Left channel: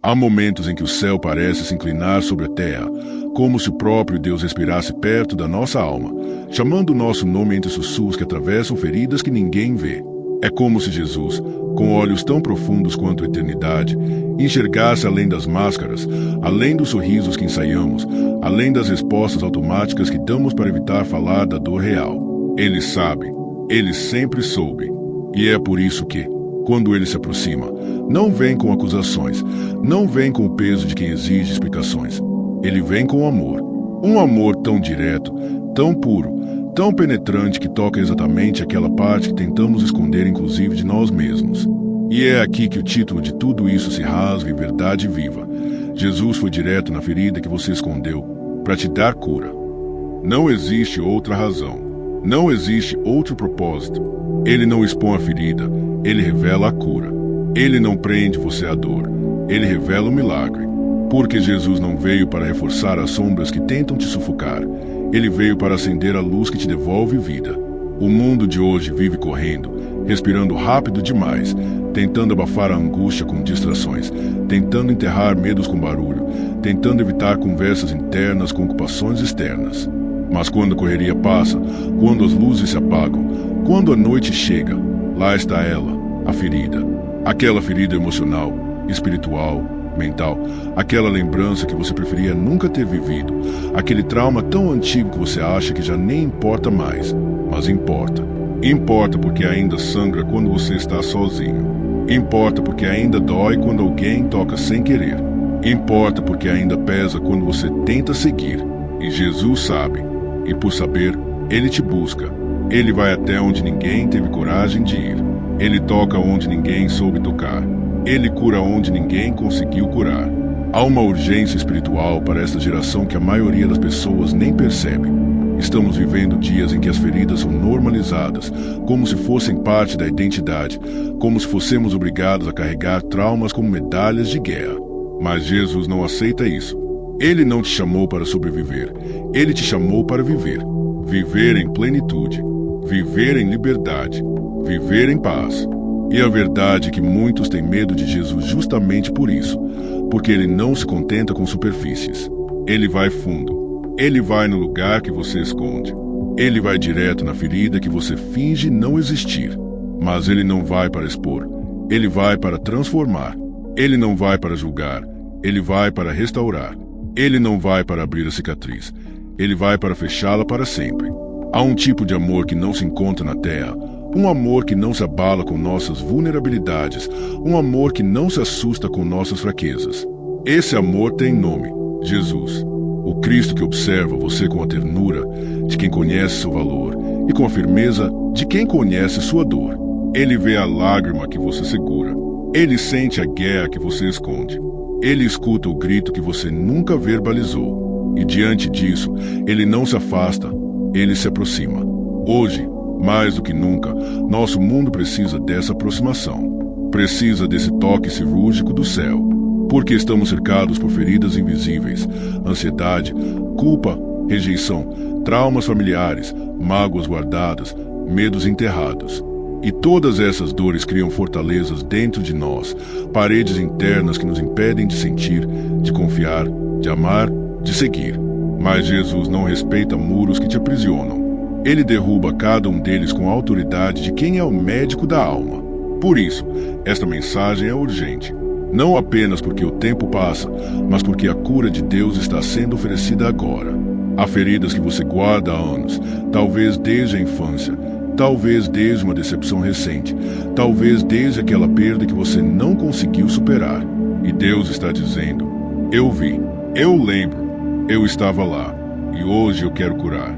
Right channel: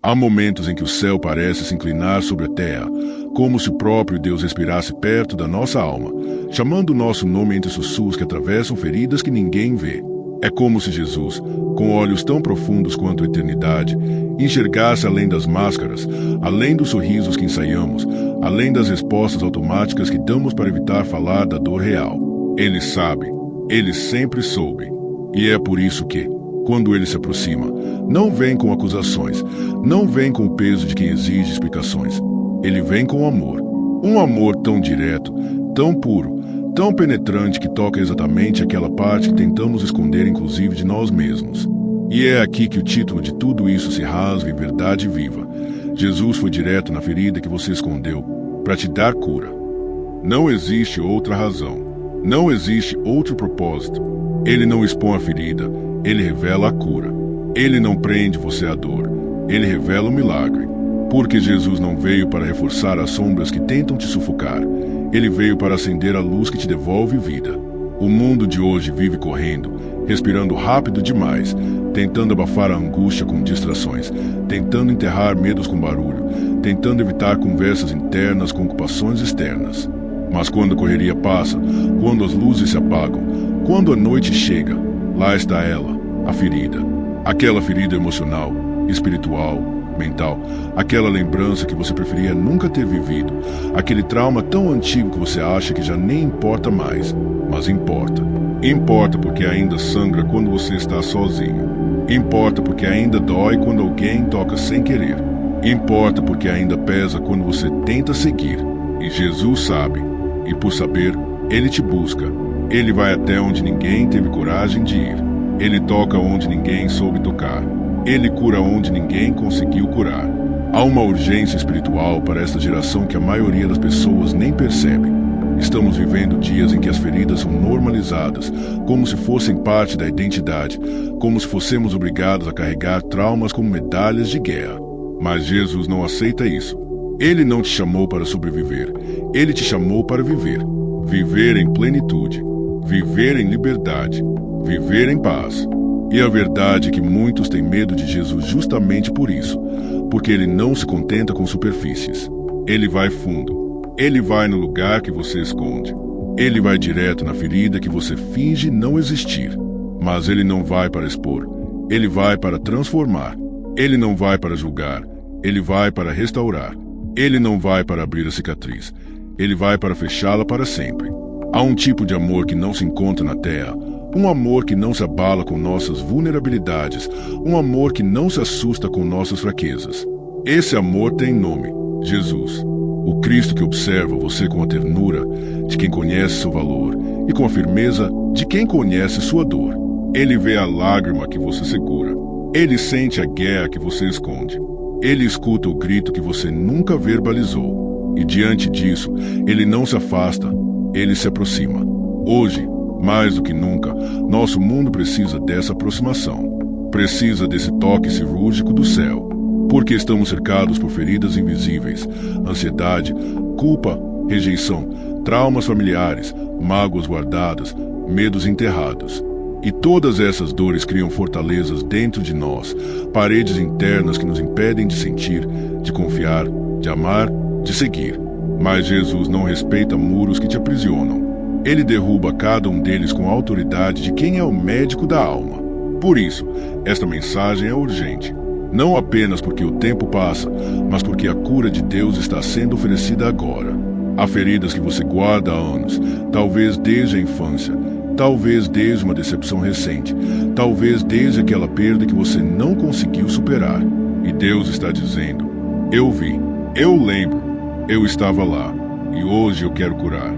Há momentos em que o céu parece se inclinar sobre a terra, como se o próprio Deus respirasse perto da nossa alma, chamando o nosso nome entre sussurros que atravessam feridas que ninguém vê. É como se Jesus, com olhos tão profundos quanto a eternidade, enxergasse além das máscaras, além dos sorrisos que ensaiamos, além das respostas automáticas que damos para evitar falar da dor real. Ele sabe, ele sempre soube, e é por isso que, quando ele se aproxima, não vem com acusações, não vem com o peso de quem exige explicações. Ele vem com amor. Um amor tão direto, tão puro, tão penetrante que toca exatamente aquela parte que tentamos esconder inclusive de nós mesmos. E é aqui que o título de tudo isso se rasga em verdade viva. Jesus foi direto na ferida que você escondeu para te dar cura. Não existe outra razão. Não existe outro propósito. Ele não expõe a ferida, ele revela a cura. Ele não prende você à dor, ele revela o milagre. Porque Jesus não veio para reforçar as sombras que tentam te sufocar. Ele veio para acender a luz que te devolve vida. O mundo de hoje vive correndo, respirando rápido demais, tentando abafar a angústia com distrações, tentando enterrar medos com barulho, tentando evitar conversas internas com ocupações externas. Mas quando a correria passa, quando as luzes se apagam, quando a noite chega, lá está ela, a ferida. Aquela ferida emocional, espiritual, mental, aquela lembrança que você preferia nunca ter vivido, aquele trauma tão antigo que você acha que já nem importa mais, mas importa. Importa porque ainda sangra quando você está sozinho. Importa porque ainda dói quando alguém toca sem querer. Importa porque ainda pesa quando você tenta seguir. E Jesus sabe. E por saber, ele te busca. Ele vai até onde ninguém teve coragem de ir. Ele toca onde ninguém soube tocar. Ele cura onde ninguém conseguiu curar. Há uma urgência espiritual para esta geração que a maioria das pessoas nem percebe. Estamos vivendo dias em que as feridas são normalizadas, como se fossem parte da identidade, como se fôssemos obrigados a carregar traumas como medalhas de guerra. Mas Jesus não aceita isso. Ele não te chamou para sobreviver, ele te chamou para viver. Viver em plenitude, viver em liberdade, viver em paz. E a verdade é que muitos têm medo de Jesus justamente por isso, porque ele não se contenta com superfícies. Ele vai fundo, ele vai no lugar que você esconde. Ele vai direto na ferida que você finge não existir. Mas ele não vai para expor, ele vai para transformar. Ele não vai para julgar, ele vai para restaurar. Ele não vai para abrir a cicatriz, ele vai para fechá-la para sempre. Há um tipo de amor que não se encontra na terra, um amor que não se abala com nossas vulnerabilidades, um amor que não se assusta com nossas fraquezas. Esse amor tem nome, Jesus. O Cristo que observa você com a ternura de quem conhece seu valor e com a firmeza de quem conhece sua dor. Ele vê a lágrima que você segura. Ele sente a guerra que você esconde. Ele escuta o grito que você nunca verbalizou. E diante disso, ele não se afasta, ele se aproxima. Hoje, mais do que nunca, nosso mundo precisa dessa aproximação. Precisa desse toque cirúrgico do céu. Porque estamos cercados por feridas invisíveis, ansiedade, culpa, rejeição, traumas familiares, mágoas guardadas, medos enterrados. E todas essas dores criam fortalezas dentro de nós, paredes internas que nos impedem de sentir, de confiar, de amar, de seguir. Mas Jesus não respeita muros que te aprisionam. Ele derruba cada um deles com a autoridade de quem é o médico da alma. Por isso, esta mensagem é urgente. Não apenas porque o tempo passa, mas porque a cura de Deus está sendo oferecida agora. Há feridas que você guarda há anos, talvez desde a infância, talvez desde uma decepção recente, talvez desde aquela perda que você não conseguiu superar. E Deus está dizendo: eu vi, eu lembro, eu estava lá, e hoje eu quero curar.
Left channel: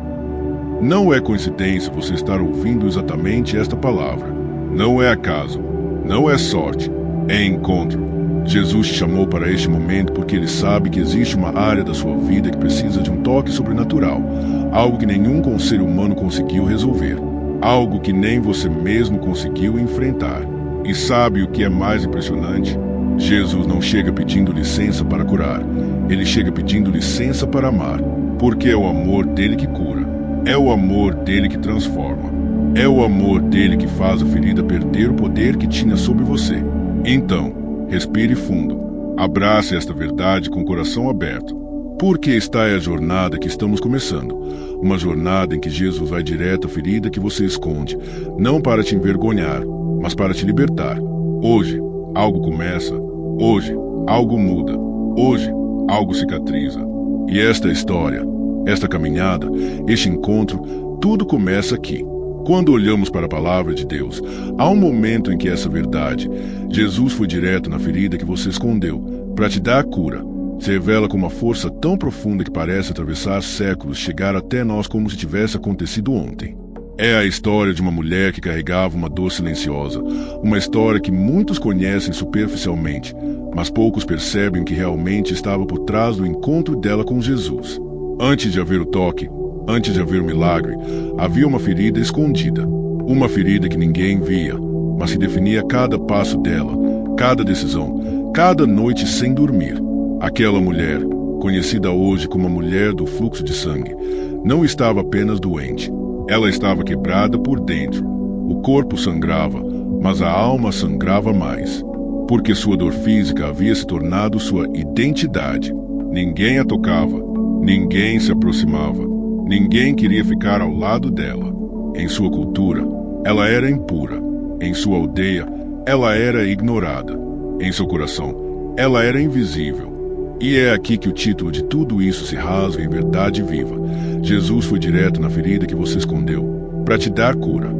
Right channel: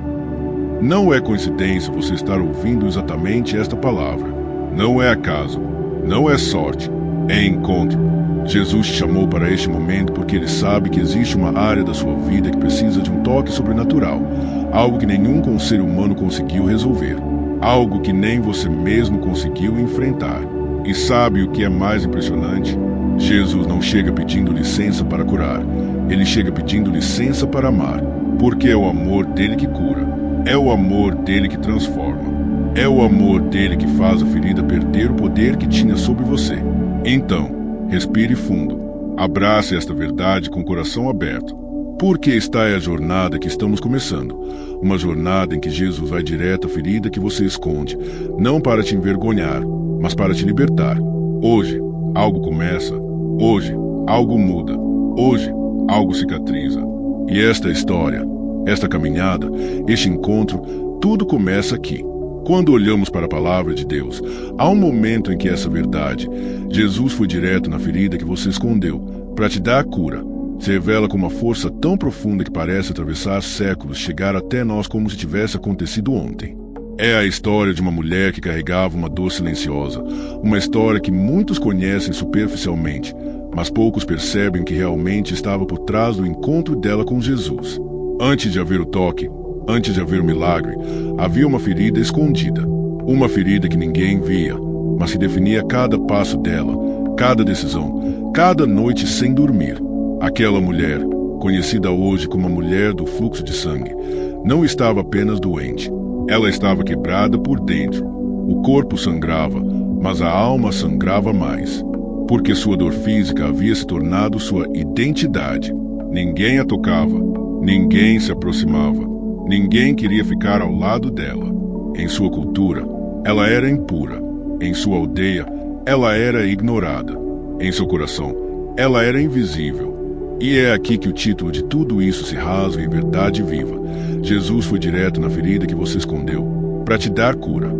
Não é coincidência você estar ouvindo exatamente esta palavra. Não é acaso, não é sorte, é encontro. Jesus te chamou para este momento porque ele sabe que existe uma área da sua vida que precisa de um toque sobrenatural, algo que nenhum conselho humano conseguiu resolver. Algo que nem você mesmo conseguiu enfrentar. E sabe o que é mais impressionante? Jesus não chega pedindo licença para curar. Ele chega pedindo licença para amar. Porque é o amor dele que cura. É o amor dele que transforma. É o amor dele que faz a ferida perder o poder que tinha sobre você. Então, respire fundo. Abrace esta verdade com o coração aberto, porque esta é a jornada que estamos começando. Uma jornada em que Jesus vai direto à ferida que você esconde, não para te envergonhar, mas para te libertar. Hoje, algo começa. Hoje, algo muda. Hoje, algo cicatriza. E esta história, esta caminhada, este encontro, tudo começa aqui. Quando olhamos para a palavra de Deus, há um momento em que essa verdade, Jesus foi direto na ferida que você escondeu, para te dar a cura, se revela com uma força tão profunda que parece atravessar séculos, chegar até nós como se tivesse acontecido ontem. É a história de uma mulher que carregava uma dor silenciosa, uma história que muitos conhecem superficialmente, mas poucos percebem o que realmente estava por trás do encontro dela com Jesus. Antes de haver o toque, antes de haver o milagre, havia uma ferida escondida. Uma ferida que ninguém via, mas que definia cada passo dela, cada decisão, cada noite sem dormir. Aquela mulher, conhecida hoje como a mulher do fluxo de sangue, não estava apenas doente. Ela estava quebrada por dentro. O corpo sangrava, mas a alma sangrava mais. Porque sua dor física havia se tornado sua identidade. Ninguém a tocava, ninguém se aproximava. Ninguém queria ficar ao lado dela. Em sua cultura, ela era impura. Em sua aldeia, ela era ignorada. Em seu coração, ela era invisível. E é aqui que o título de tudo isso se rasga em verdade viva. Jesus foi direto na ferida que você escondeu, para te dar cura.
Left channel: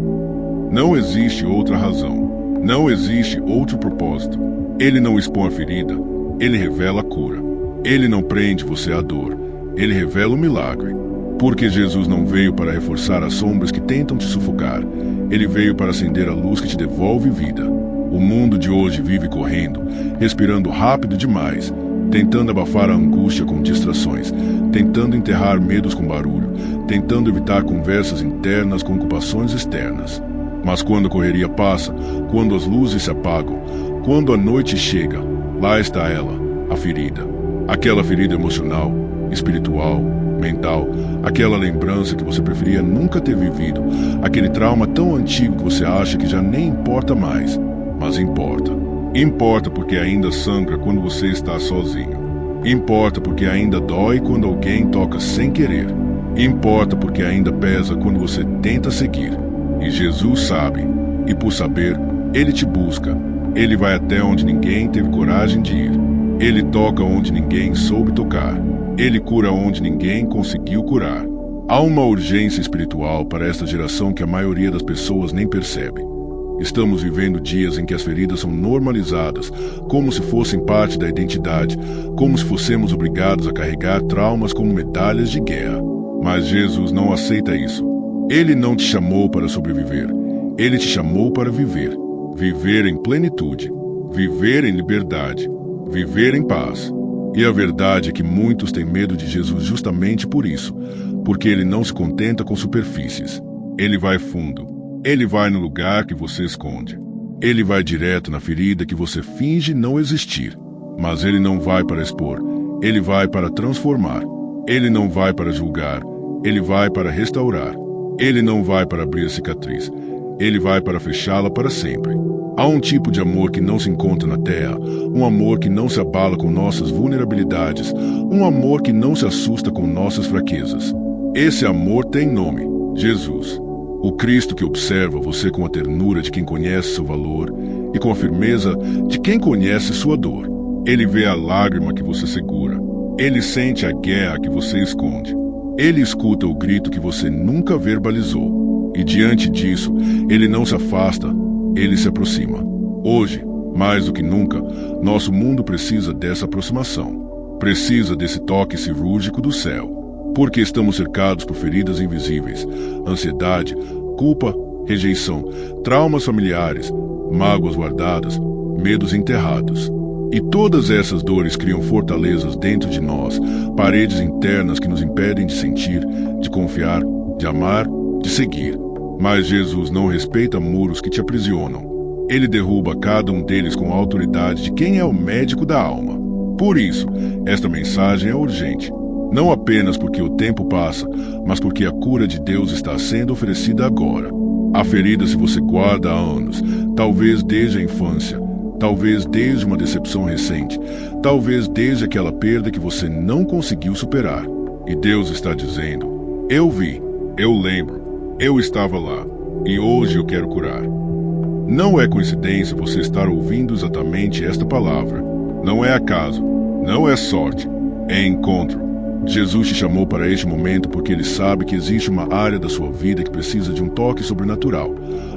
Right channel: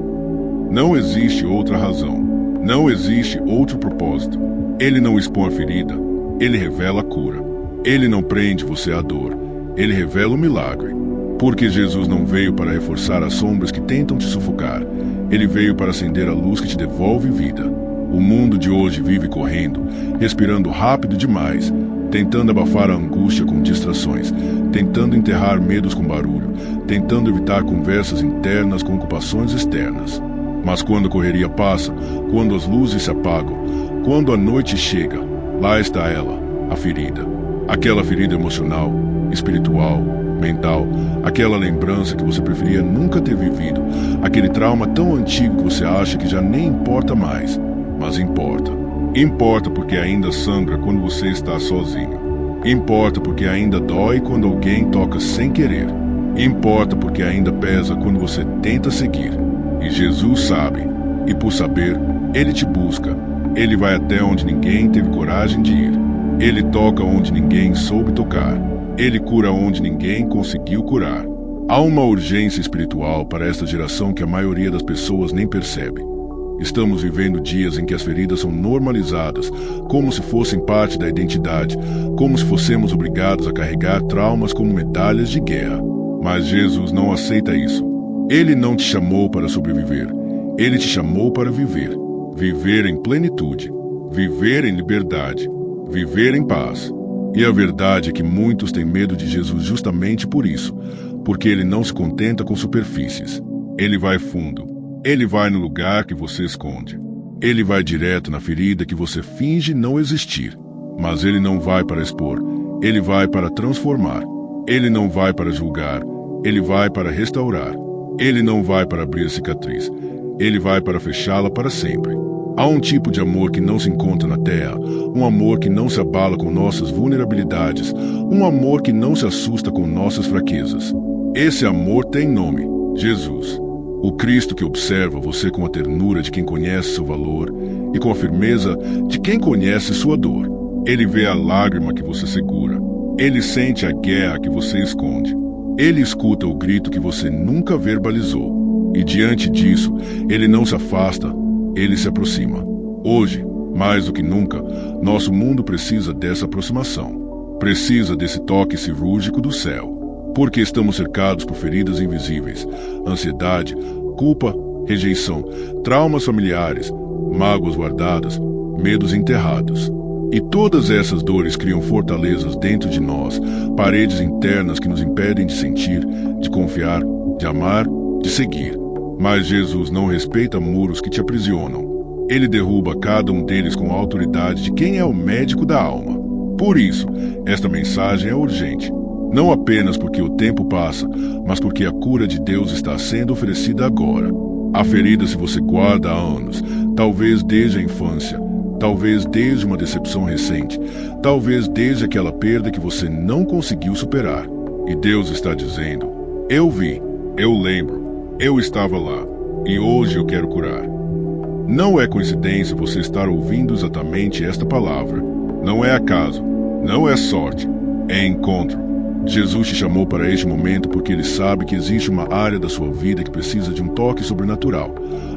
Não existe outra razão. Não existe outro propósito. Ele não expõe a ferida, ele revela a cura. Ele não prende você à dor, ele revela o milagre. Porque Jesus não veio para reforçar as sombras que tentam te sufocar. Ele veio para acender a luz que te devolve vida. O mundo de hoje vive correndo, respirando rápido demais, tentando abafar a angústia com distrações, tentando enterrar medos com barulho, tentando evitar conversas internas com ocupações externas. Mas quando a correria passa, quando as luzes se apagam, quando a noite chega, lá está ela, a ferida. Aquela ferida emocional, espiritual, mental, aquela lembrança que você preferia nunca ter vivido, aquele trauma tão antigo que você acha que já nem importa mais, mas importa. Importa porque ainda sangra quando você está sozinho. Importa porque ainda dói quando alguém toca sem querer. Importa porque ainda pesa quando você tenta seguir. E Jesus sabe, e por saber, Ele te busca. Ele vai até onde ninguém teve coragem de ir. Ele toca onde ninguém soube tocar. Ele cura onde ninguém conseguiu curar. Há uma urgência espiritual para esta geração que a maioria das pessoas nem percebe. Estamos vivendo dias em que as feridas são normalizadas, como se fossem parte da identidade, como se fossemos obrigados a carregar traumas como medalhas de guerra. Mas Jesus não aceita isso. Ele não te chamou para sobreviver. Ele te chamou para viver. Viver em plenitude. Viver em liberdade. Viver em paz. E a verdade é que muitos têm medo de Jesus justamente por isso, porque ele não se contenta com superfícies. Ele vai fundo. Ele vai no lugar que você esconde. Ele vai direto na ferida que você finge não existir. Mas ele não vai para expor. Ele vai para transformar. Ele não vai para julgar. Ele vai para restaurar. Ele não vai para abrir cicatriz. Ele vai para fechá-la para sempre. Há um tipo de amor que não se encontra na terra, um amor que não se abala com nossas vulnerabilidades, um amor que não se assusta com nossas fraquezas. Esse amor tem nome: Jesus. O Cristo que observa você com a ternura de quem conhece seu valor e com a firmeza de quem conhece sua dor. Ele vê a lágrima que você segura. Ele sente a guerra que você esconde. Ele escuta o grito que você nunca verbalizou. E diante disso, ele não se afasta, ele se aproxima. Hoje, mais do que nunca, nosso mundo precisa dessa aproximação. Precisa desse toque cirúrgico do céu. Porque estamos cercados por feridas invisíveis, ansiedade, culpa, rejeição, traumas familiares, mágoas guardadas, medos enterrados. E todas essas dores criam fortalezas dentro de nós, paredes internas que nos impedem de sentir, de confiar, de amar, de seguir. Mas Jesus não respeita muros que te aprisionam. Ele derruba cada um deles com a autoridade de quem é o médico da alma. Por isso, esta mensagem é urgente. Não apenas porque o tempo passa, mas porque a cura de Deus está sendo oferecida agora. A ferida se você guarda há anos, talvez desde a infância, talvez desde uma decepção recente, talvez desde aquela perda que você não conseguiu superar. E Deus está dizendo: eu vi, eu lembro, eu estava lá, e hoje eu quero curar. Não é coincidência você estar ouvindo exatamente esta palavra. Não é acaso, não é sorte, é encontro. Jesus te chamou para este momento porque Ele sabe que existe uma área da sua vida que precisa de um toque sobrenatural,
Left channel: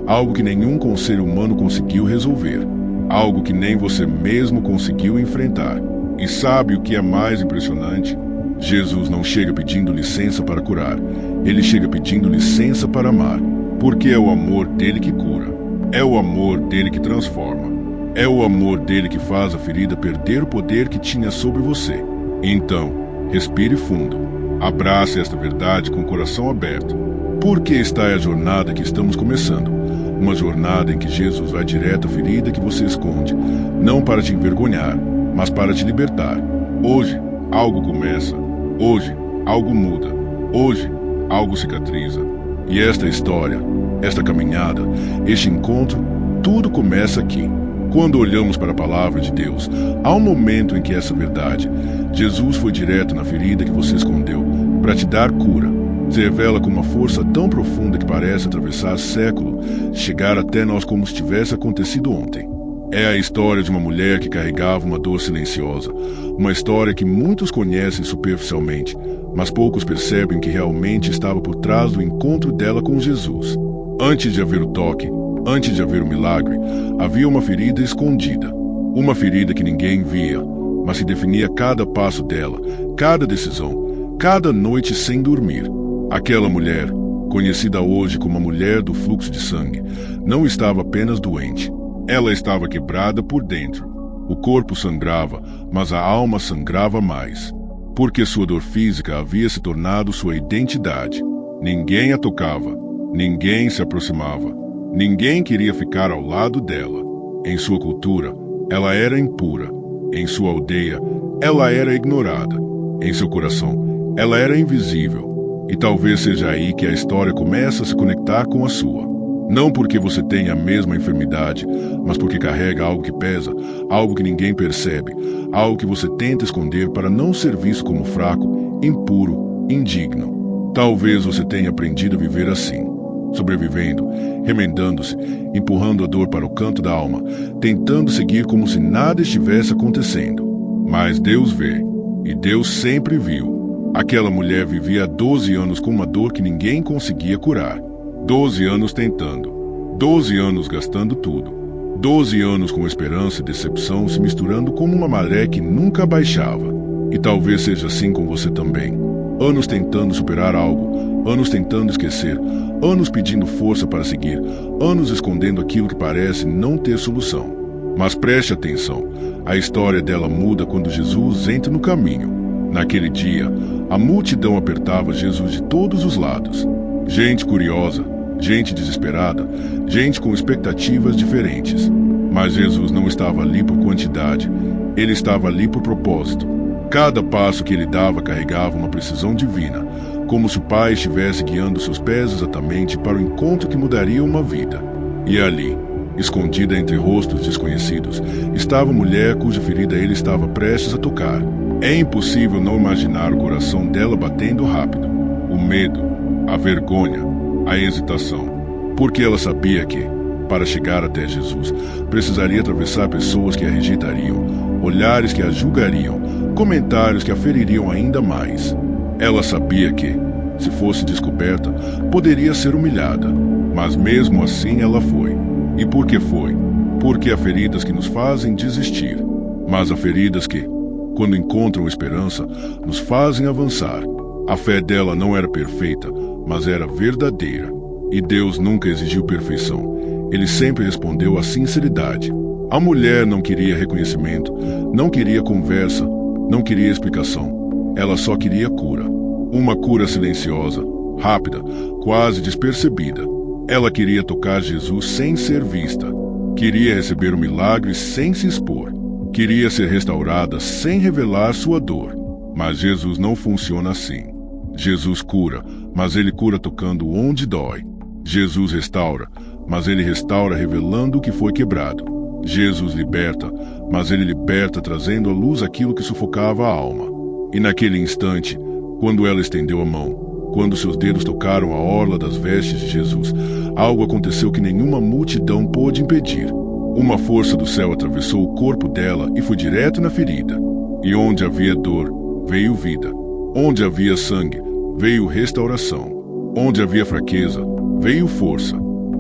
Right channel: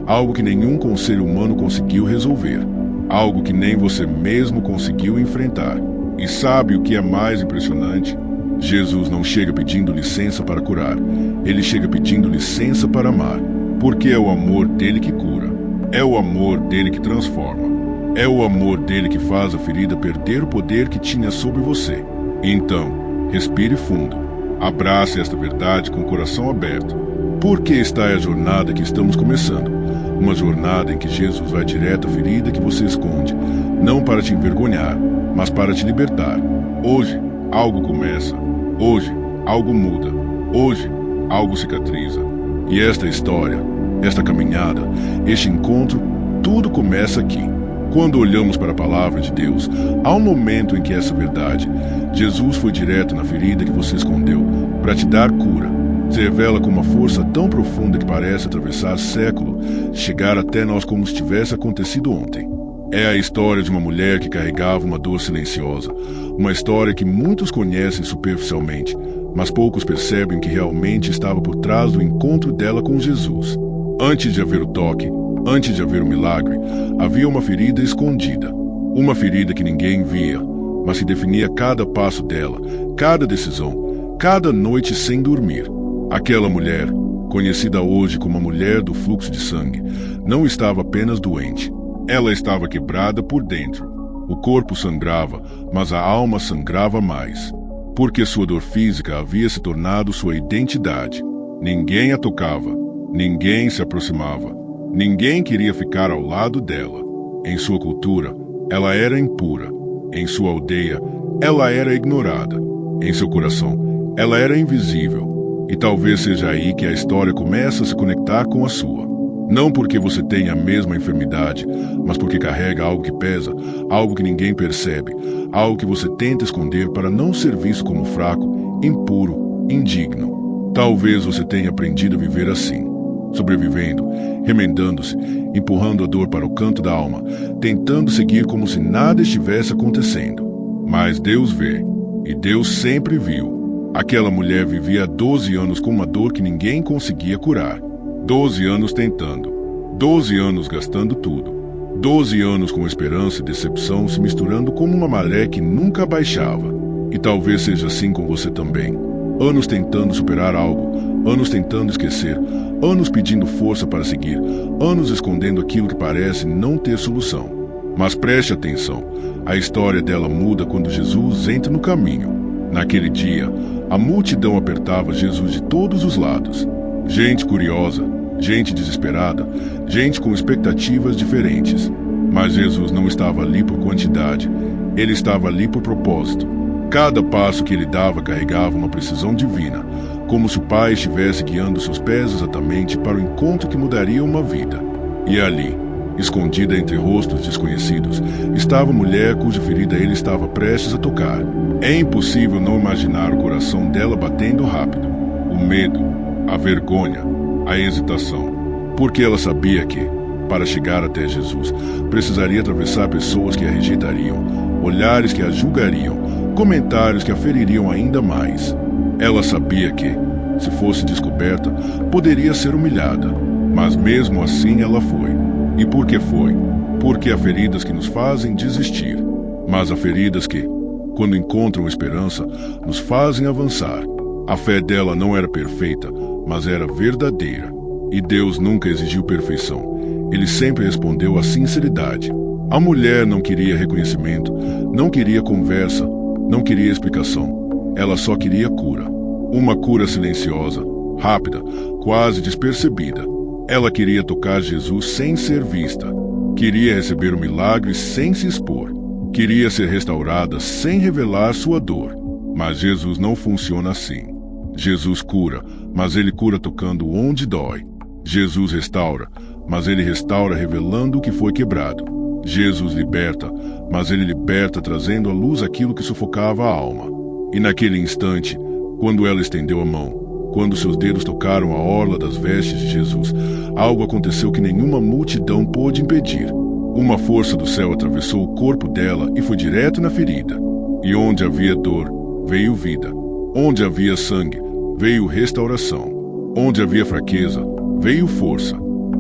algo que nenhum conselho humano conseguiu resolver, algo que nem você mesmo conseguiu enfrentar. E sabe o que é mais impressionante? Jesus não chega pedindo licença para curar, Ele chega pedindo licença para amar, porque é o amor dele que cura, é o amor dele que transforma, é o amor dele que faz a ferida perder o poder que tinha sobre você. Então, respire fundo, abrace esta verdade com o coração aberto, porque esta é a jornada que estamos começando, uma jornada em que Jesus vai direto à ferida que você esconde, não para te envergonhar, mas para te libertar. Hoje, algo começa, hoje, algo muda, hoje, algo cicatriza. E esta história, esta caminhada, este encontro, tudo começa aqui. Quando olhamos para a palavra de Deus, há um momento em que essa verdade, Jesus foi direto na ferida que você escondeu, para te dar cura. Se revela com uma força tão profunda que parece atravessar século, chegar até nós como se tivesse acontecido ontem. É a história de uma mulher que carregava uma dor silenciosa, uma história que muitos conhecem superficialmente, mas poucos percebem que realmente estava por trás do encontro dela com Jesus. Antes de haver o toque, antes de haver o milagre, havia uma ferida escondida. Uma ferida que ninguém via, mas que definia cada passo dela, cada decisão, cada noite sem dormir. Aquela mulher, conhecida hoje como a mulher do fluxo de sangue, não estava apenas doente. Ela estava quebrada por dentro. O corpo sangrava, mas a alma sangrava mais. Porque sua dor física havia se tornado sua identidade. Ninguém a tocava, ninguém se aproximava. Ninguém queria ficar ao lado dela. Em sua cultura, ela era impura. Em sua aldeia, ela era ignorada. Em seu coração, ela era invisível. E talvez seja aí que a história começa a se conectar com a sua. Não porque você tenha a mesma enfermidade, mas porque carrega algo que pesa, algo que ninguém percebe, algo que você tenta esconder para não ser visto como fraco, impuro, indigno. Talvez você tenha aprendido a viver assim, sobrevivendo, remendando-se, empurrando a dor para o canto da alma, tentando seguir como se nada estivesse acontecendo. Mas Deus vê, e Deus sempre viu. Aquela mulher vivia há 12 anos com uma dor que ninguém conseguia curar. 12 anos tentando, 12 anos gastando tudo, 12 anos com esperança e decepção se misturando como uma maré que nunca baixava. E talvez seja assim com você também. Anos tentando superar algo, anos tentando esquecer, anos pedindo força para seguir, anos escondendo aquilo que parece não ter solução. Mas preste atenção, a história dela muda quando Jesus entra no caminho. Naquele dia, a multidão apertava Jesus de todos os lados. Gente curiosa, gente desesperada, gente com expectativas diferentes. Mas Jesus não estava ali por quantidade, ele estava ali por propósito. Cada passo que ele dava carregava uma precisão divina, como se o Pai estivesse guiando seus pés exatamente para o encontro que mudaria uma vida. E ali, escondida entre rostos desconhecidos, estava a mulher cuja ferida ele estava prestes a tocar. É impossível não imaginar o coração dela batendo rápido, o medo, a vergonha, a hesitação, porque ela sabia que, para chegar até Jesus, precisaria atravessar pessoas que a rejeitariam, olhares que a julgariam, comentários que a feririam ainda mais. Ela sabia que, se fosse descoberta, poderia ser humilhada, mas mesmo assim ela foi. E por que foi? Porque há feridas que nos fazem desistir, mas há feridas que, quando encontram esperança, nos fazem avançar. A fé dela não era perfeita, mas era verdadeira. E Deus nunca exigiu perfeição. Ele sempre respondeu à sinceridade. A mulher não queria reconhecimento, não queria conversa, não queria explicação. Ela só queria cura. Uma cura silenciosa, rápida, quase despercebida. Ela queria tocar Jesus sem ser vista. Queria receber o milagre sem se expor. Queria ser restaurada sem revelar sua dor. Mas Jesus não funciona assim. Jesus cura, mas ele cura tocando onde dói. Jesus restaura, mas ele restaura revelando o que foi quebrado. Jesus liberta, mas ele liberta trazendo à luz aquilo que sufocava a alma. E naquele instante, quando ela estendeu a mão, quando seus dedos tocaram a orla das vestes de Jesus, algo aconteceu que nenhuma multidão pôde impedir. Uma força do céu atravessou o corpo dela e foi direto na ferida. E onde havia dor, veio vida. Onde havia sangue, veio restauração. Onde havia fraqueza, veio força.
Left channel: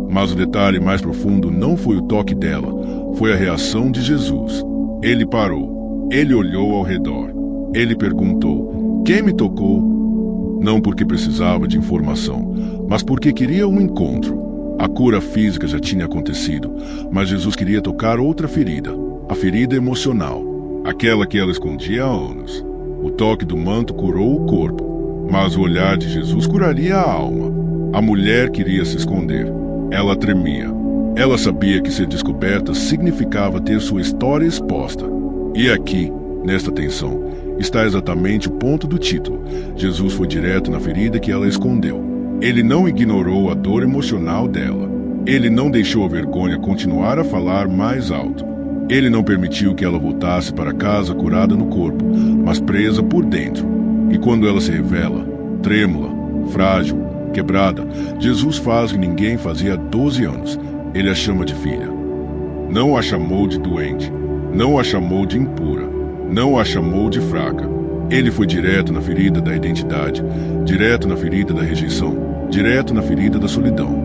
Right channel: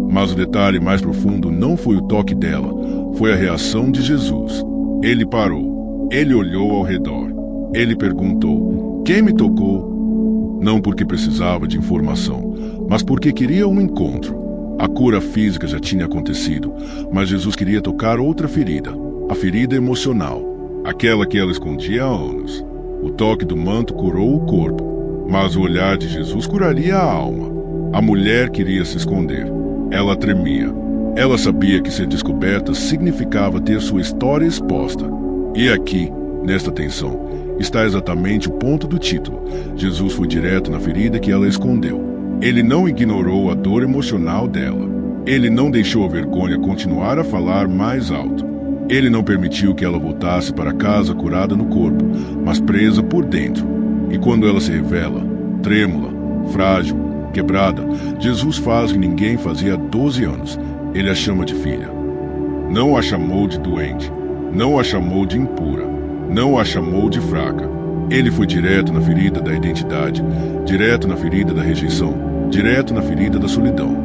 Mas o detalhe mais profundo não foi o toque dela, foi a reação de Jesus. Ele parou. Ele olhou ao redor. Ele perguntou: "Quem me tocou?" Não porque precisava de informação, mas porque queria um encontro. A cura física já tinha acontecido, mas Jesus queria tocar outra ferida, a ferida emocional, aquela que ela escondia há anos. O toque do manto curou o corpo, mas o olhar de Jesus curaria a alma. A mulher queria se esconder. Ela tremia. Ela sabia que ser descoberta significava ter sua história exposta. E aqui, nesta tensão, está exatamente o ponto do título. Jesus foi direto na ferida que ela escondeu. Ele não ignorou a dor emocional dela. Ele não deixou a vergonha continuar a falar mais alto. Ele não permitiu que ela voltasse para casa curada no corpo, mas presa por dentro. E quando ela se revela, trêmula, frágil, quebrada, Jesus faz o que ninguém fazia há 12 anos. Ele a chama de filha. Não a chamou de doente. Não a chamou de impura. Não a chamou de fraca. Ele foi direto na ferida da identidade, direto na ferida da rejeição, direto na ferida da solidão.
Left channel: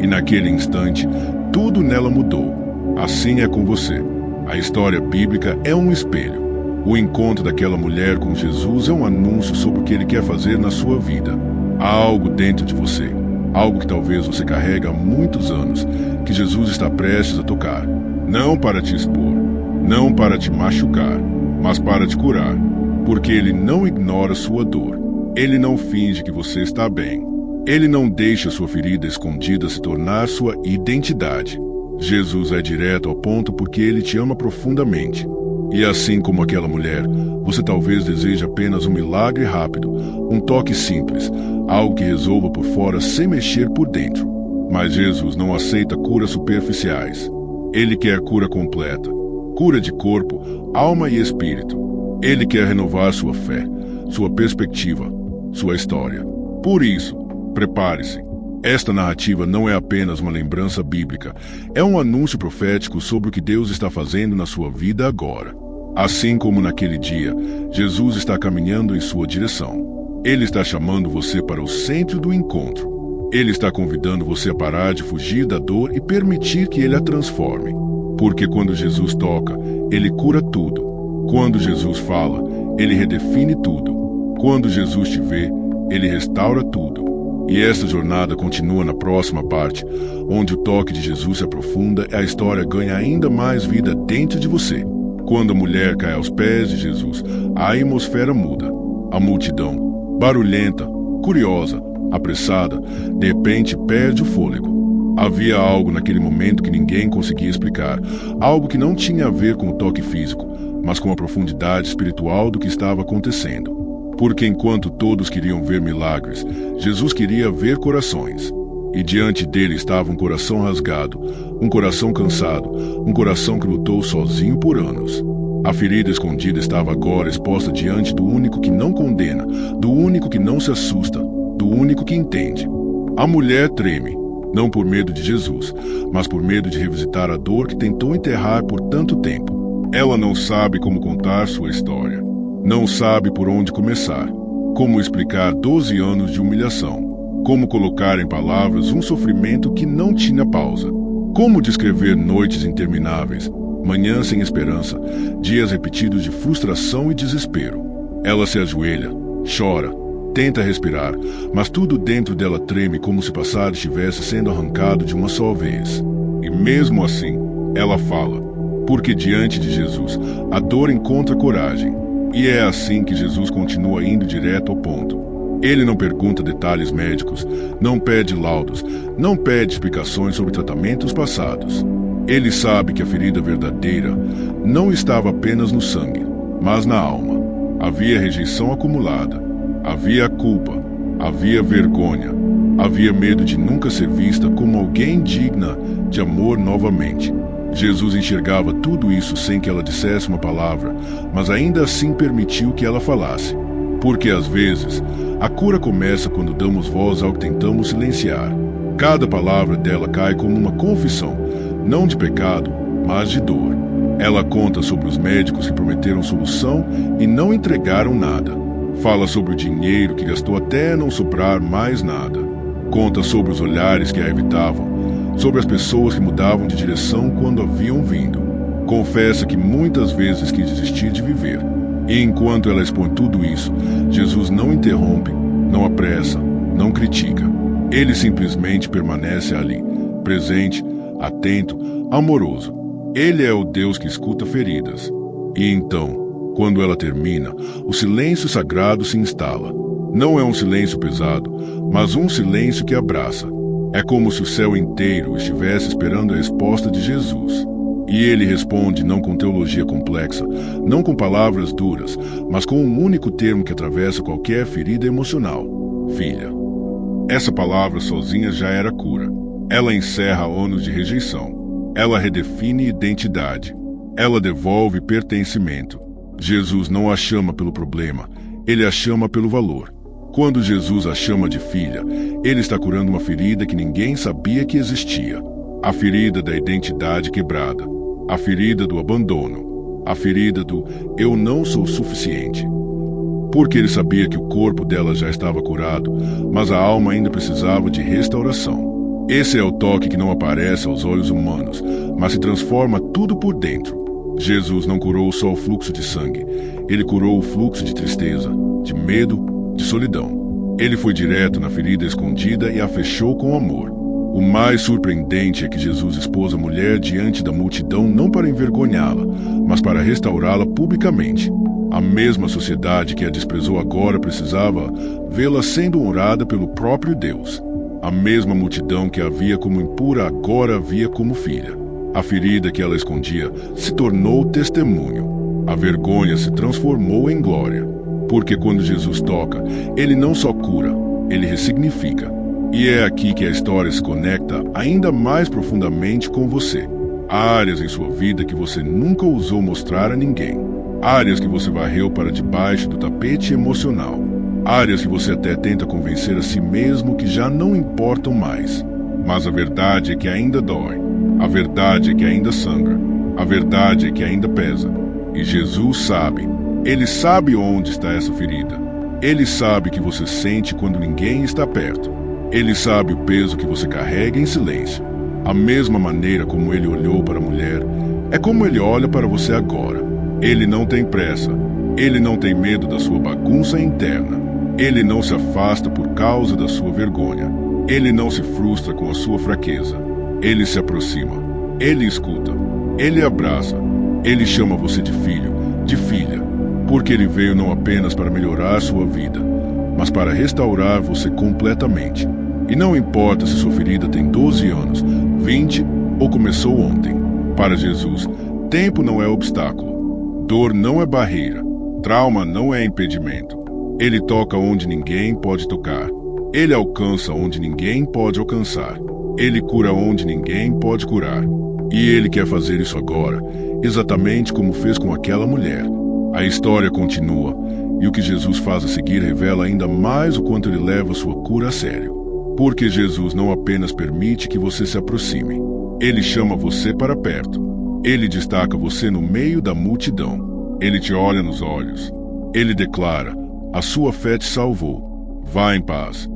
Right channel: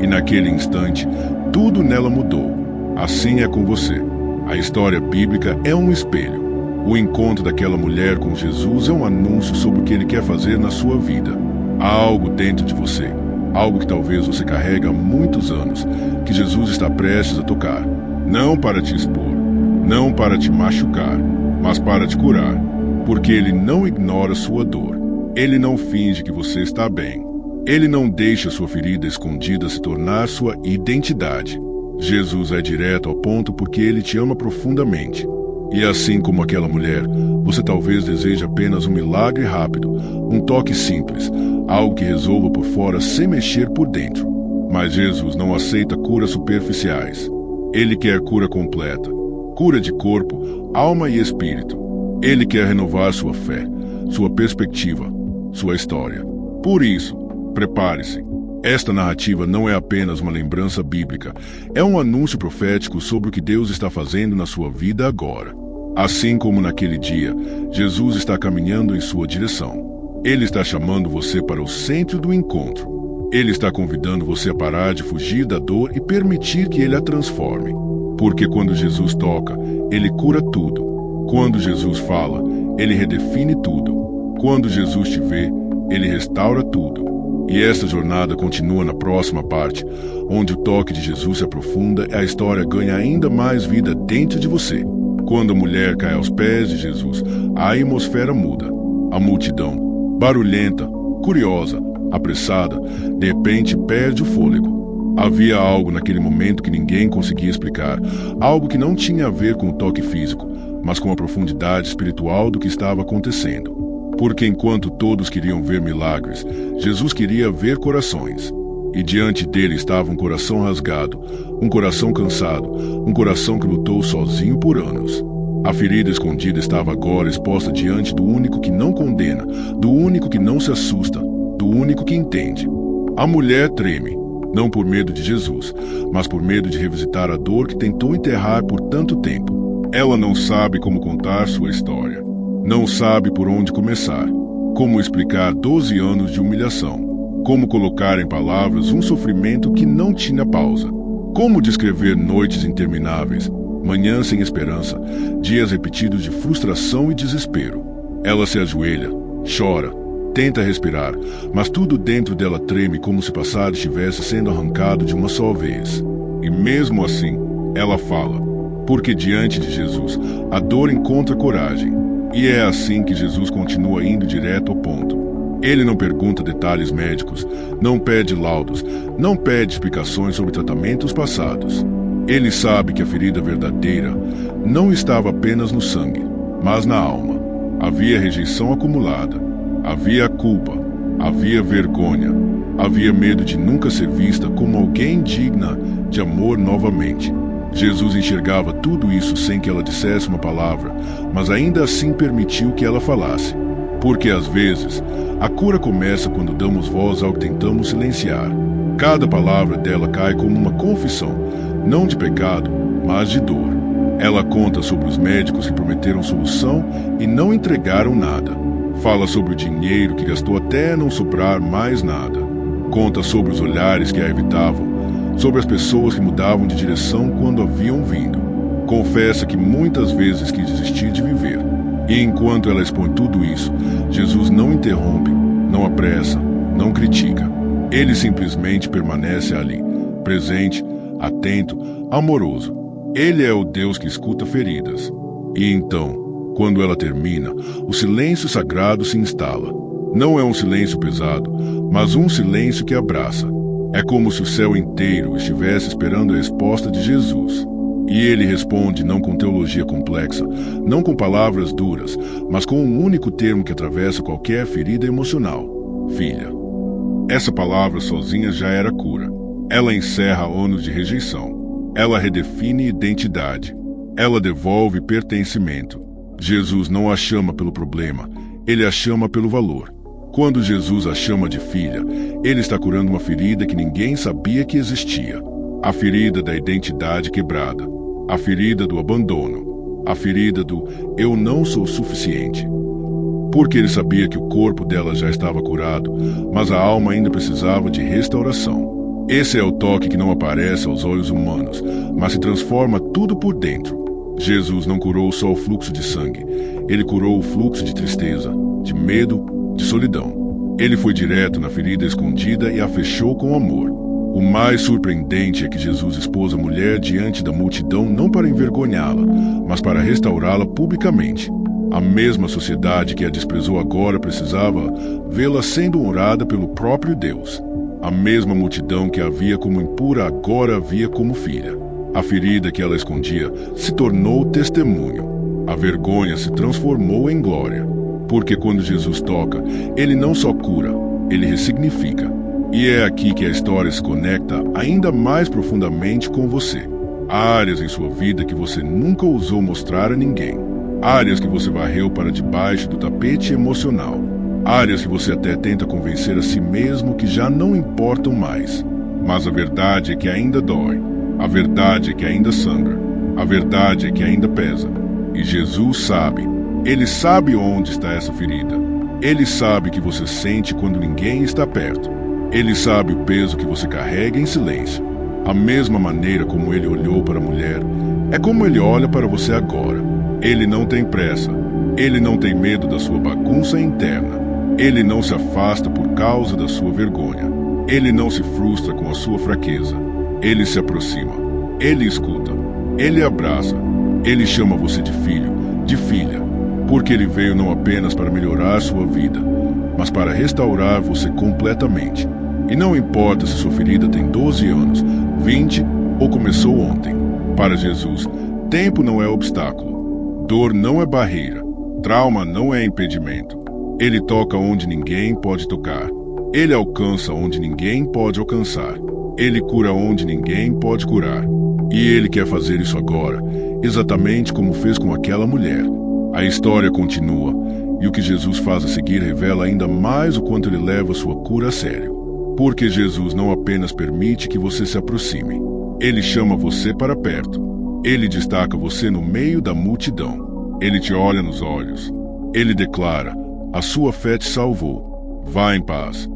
E naquele instante, tudo nela mudou. Assim é com você. A história bíblica é um espelho. O encontro daquela mulher com Jesus é um anúncio sobre o que ele quer fazer na sua vida. Há algo dentro de você, algo que talvez você carrega há muitos anos, que Jesus está prestes a tocar. Não para te expor, não para te machucar, mas para te curar. Porque ele não ignora sua dor. Ele não finge que você está bem. Ele não deixa sua ferida escondida se tornar sua identidade. Jesus é direto ao ponto porque ele te ama profundamente. E assim como aquela mulher, você talvez deseje apenas um milagre rápido, um toque simples, algo que resolva por fora sem mexer por dentro. Mas Jesus não aceita curas superficiais. Ele quer cura completa, cura de corpo, alma e espírito. Ele quer renovar sua fé, sua perspectiva, sua história. Por isso, prepare-se. Esta narrativa não é apenas uma lembrança bíblica, é um anúncio profético sobre o que Deus está fazendo na sua vida agora. Assim como naquele dia, Jesus está caminhando em sua direção. Ele está chamando você para o centro do encontro. Ele está convidando você a parar de fugir da dor e permitir que ele a transforme. Porque quando Jesus toca, ele cura tudo. Quando Jesus fala, ele redefine tudo. Quando Jesus te vê, ele restaura tudo. E esta jornada continua na próxima parte, onde o toque de Jesus se aprofunda e a história ganha ainda mais vida dentro de você. Quando a mulher cai aos pés de Jesus, a atmosfera muda. A multidão, barulhenta, curiosa, apressada, de repente perde o fôlego. Havia algo naquele momento que ninguém conseguia explicar, algo que não tinha a ver com o toque físico, mas com a profundidade espiritual do que estava acontecendo. Porque enquanto todos queriam ver milagres, Jesus queria ver corações. E diante dele estava um coração rasgado, um coração cansado, um coração que lutou sozinho por anos. A ferida escondida estava agora exposta diante do único que não condena, do único que não se assusta, do único que entende. A mulher treme, não por medo de Jesus, mas por medo de revisitar a dor que tentou enterrar por tanto tempo. Ela não sabe como contar sua história. Não sabe por onde começar. Como explicar 12 anos de humilhação. Como colocar em palavras um sofrimento que não tinha pausa. Como descrever noites intermináveis, manhãs sem esperança, dias repetidos de frustração e desespero. Ela se ajoelha, chora, tenta respirar, mas tudo dentro dela treme como se o passado estivesse sendo arrancado de uma só vez. E mesmo assim, ela fala, porque diante de Jesus, a dor encontra coragem. E é assim que Jesus continua indo direto ao ponto. Ele não pergunta detalhes médicos, não pede laudos, não pede explicações sobre tratamentos passados. Ele sabe que a ferida verdadeira não estava apenas no sangue, mas na alma. Havia rejeição acumulada, havia culpa, havia vergonha, havia medo de nunca ser vista como alguém digna de amor novamente. Jesus enxergava tudo isso sem que ela dissesse uma palavra, mas ainda assim permitiu que ela falasse. Porque às vezes, a cura começa quando damos voz ao que tentamos silenciar. Cada palavra dela cai como uma confissão, não de pecado, mas de dor. Ela conta sobre os médicos que prometeram solução e não entregaram nada. Fala sobre o dinheiro que gastou até não sobrar mais nada. Conta sobre os olhares que a evitavam, sobre as pessoas que mudavam de direção quando haviam vindo. Confessa que muitas vezes quis desistir de viver. E enquanto ela expõe tudo isso, Jesus não interrompe, não apressa, não critica. Ele simplesmente permanece ali, presente, atento, amoroso. Ele é o Deus que escuta feridas. E então, quando ela termina, o silêncio sagrado se instala. Não é um silêncio pesado, mas um silêncio que abraça. É como se o céu inteiro estivesse esperando a resposta de Jesus. E ele responde não com teologia complexa, não com palavras duras, mas com um único termo que atravessa qualquer ferida emocional: filha. Essa palavra sozinha já era cura. Ela encerra anos de rejeição. Ela redefine identidade. Ela devolve pertencimento. Jesus não a chama pelo problema, ele a chama pelo valor. Quando Jesus a chama de filha, ele está curando uma ferida que ninguém sabia que existia. A ferida da identidade quebrada. A ferida do abandono. A ferida do eu não sou suficiente. Porque ele sabia que o corpo dela já estava curado, mas a alma ainda precisava de restauração. Esse é o toque que não aparece aos olhos humanos, mas se transforma tudo por dentro. Jesus não curou só o fluxo de sangue, ele curou o fluxo de tristeza, de medo, de solidão. Ele foi direto na ferida escondida e a fechou com amor. O mais surpreendente é que Jesus expôs a mulher diante da multidão não para envergonhá-la, mas para restaurá-la publicamente. A mesma sociedade que a desprezou agora precisava vê-la sendo honrada pelo próprio Deus. A mesma multidão que a via como impura agora a via como filha. A ferida que ela escondia se tornou testemunho. A vergonha se transformou em glória. Porque quando Jesus toca, ele não só cura, ele ressignifica. E é aqui que a história se conecta ainda mais profundamente com você. Há áreas em sua vida que você nunca ousou mostrar a ninguém. Áreas que você varreu para debaixo do tapete emocional. Áreas que você até tenta convencer a si mesmo que já não importam mais. Mas a verdade é que ainda dói. A verdade é que ainda sangra. A verdade é que ainda pesa. E Jesus sabe. Ele sabe onde está essa ferida. Ele sabe que você sente quando ninguém está perto. Ele sabe o peso que você carrega em silêncio. A mesma maneira como ele olhou para a mulher, é como ele olha para você agora. Ele não tem pressa. Ele não tem medo da sua bagunça interna. Ele não se afasta por causa da sua vergonha. Ele não se frustra com a sua fraqueza. Ele se aproxima. Ele escuta. Ele abraça. Ele chama você de filho, de filha. Porque ele veio não apenas para melhorar sua vida, mas para restaurar você completamente. E não importa se sua ferida tem 12 anos, 20 ou começou ontem. Para Jesus, tempo não é obstáculo. Dor não é barreira. Trauma não é impedimento. Ele toca onde ninguém pode tocar. Ele alcança onde ninguém pode alcançar. Ele cura onde ninguém pode curar. E ele quer fazer isso agora, exatamente como fez com aquela mulher. A história continua, e o que Jesus faz a seguir revela ainda mais o quanto ele leva sua cura a sério. Porque Jesus não apenas permite que você se aproxime, ele chama você para perto. Ele destaca você no meio da multidão. Ele te olha nos olhos. Ele declara: a sua fé te salvou. Vá em paz.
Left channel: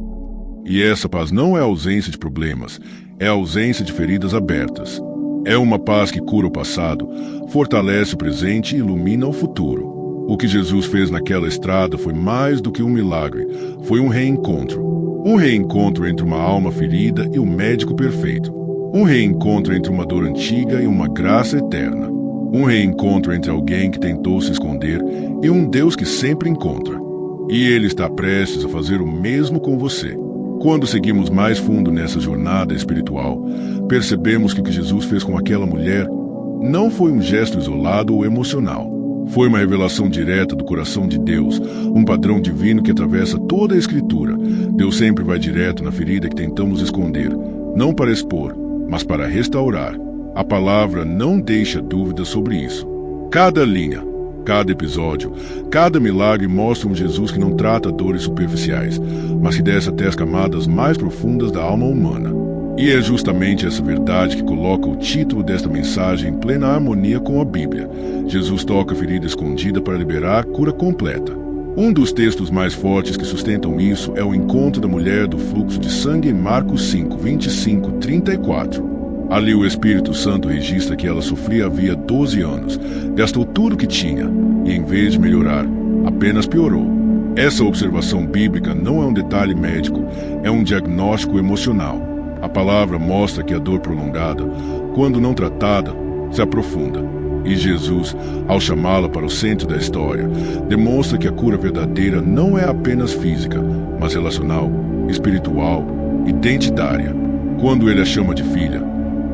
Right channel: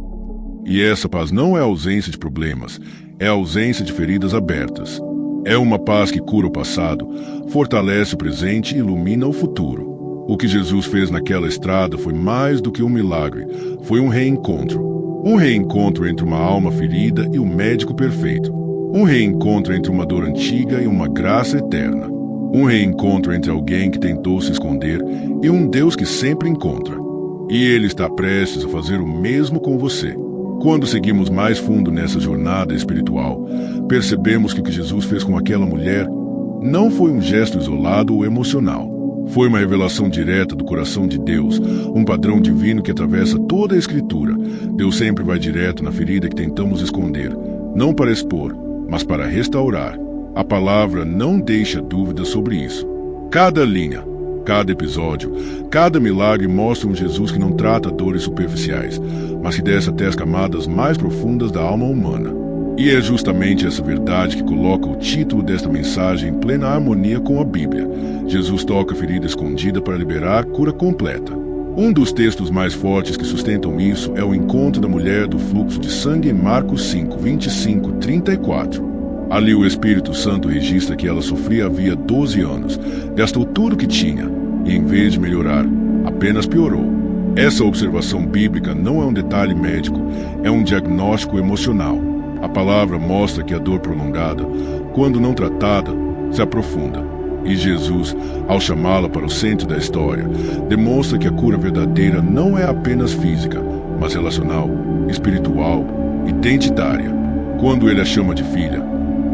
E essa paz não é a ausência de problemas, é a ausência de feridas abertas. É uma paz que cura o passado, fortalece o presente e ilumina o futuro. O que Jesus fez naquela estrada foi mais do que um milagre, foi um reencontro. Um reencontro entre uma alma ferida e um médico perfeito. Um reencontro entre uma dor antiga e uma graça eterna. Um reencontro entre alguém que tentou se esconder e um Deus que sempre encontra. E Ele está prestes a fazer o mesmo com você. Quando seguimos mais fundo nessa jornada espiritual, percebemos que o que Jesus fez com aquela mulher não foi um gesto isolado ou emocional. Foi uma revelação direta do coração de Deus, um padrão divino que atravessa toda a Escritura. Deus sempre vai direto na ferida que tentamos esconder, não para expor, mas para restaurar. A palavra não deixa dúvida sobre isso. Cada linha, cada episódio, cada milagre mostra um Jesus que não trata dores superficiais, mas que desce até as camadas mais profundas da alma humana. E é justamente essa verdade que coloca o título desta mensagem em plena harmonia com a Bíblia. Jesus toca a ferida escondida para liberar cura completa. Um dos textos mais fortes que sustentam isso é o encontro da mulher do fluxo de sangue em Marcos 5, 25, 34. Ali o Espírito Santo registra que ela sofria havia 12 anos, gastou tudo o que tinha e, em vez de melhorar, apenas piorou. Essa observação bíblica não é um detalhe médico, é um diagnóstico emocional. A palavra mostra que a dor prolongada, quando não tratada, se aprofunda. E Jesus, ao chamá-la para o centro da história, demonstra que a cura verdadeira não é apenas física, mas relacional, espiritual, identitária. Quando ele a chama de filha,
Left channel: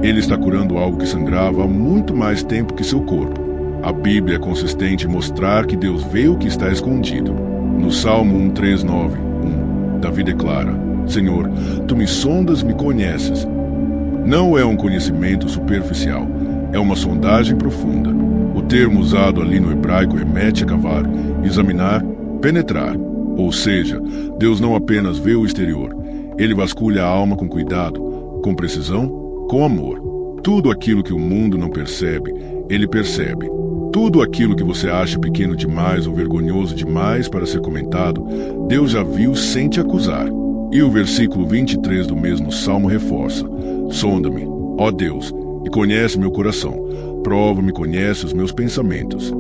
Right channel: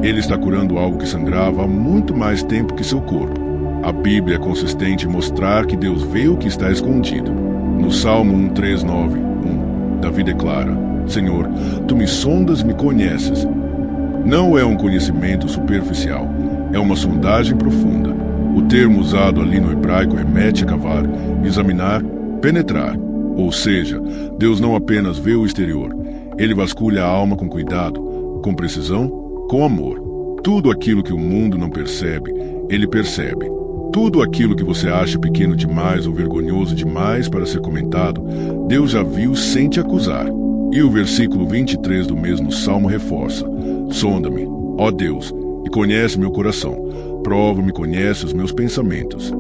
ele está curando algo que sangrava há muito mais tempo que seu corpo. A Bíblia é consistente em mostrar que Deus vê o que está escondido. No Salmo 139:1, Davi declara: Senhor, tu me sondas e me conheces. Não é um conhecimento superficial, é uma sondagem profunda. O termo usado ali no hebraico remete a cavar, examinar, penetrar. Ou seja, Deus não apenas vê o exterior, ele vasculha a alma com cuidado, com precisão, com amor. Tudo aquilo que o mundo não percebe, ele percebe. Tudo aquilo que você acha pequeno demais ou vergonhoso demais para ser comentado, Deus já viu sem te acusar. E o versículo 23 do mesmo salmo reforça: Sonda-me, ó Deus, e conhece meu coração. Prova-me, conhece os meus pensamentos.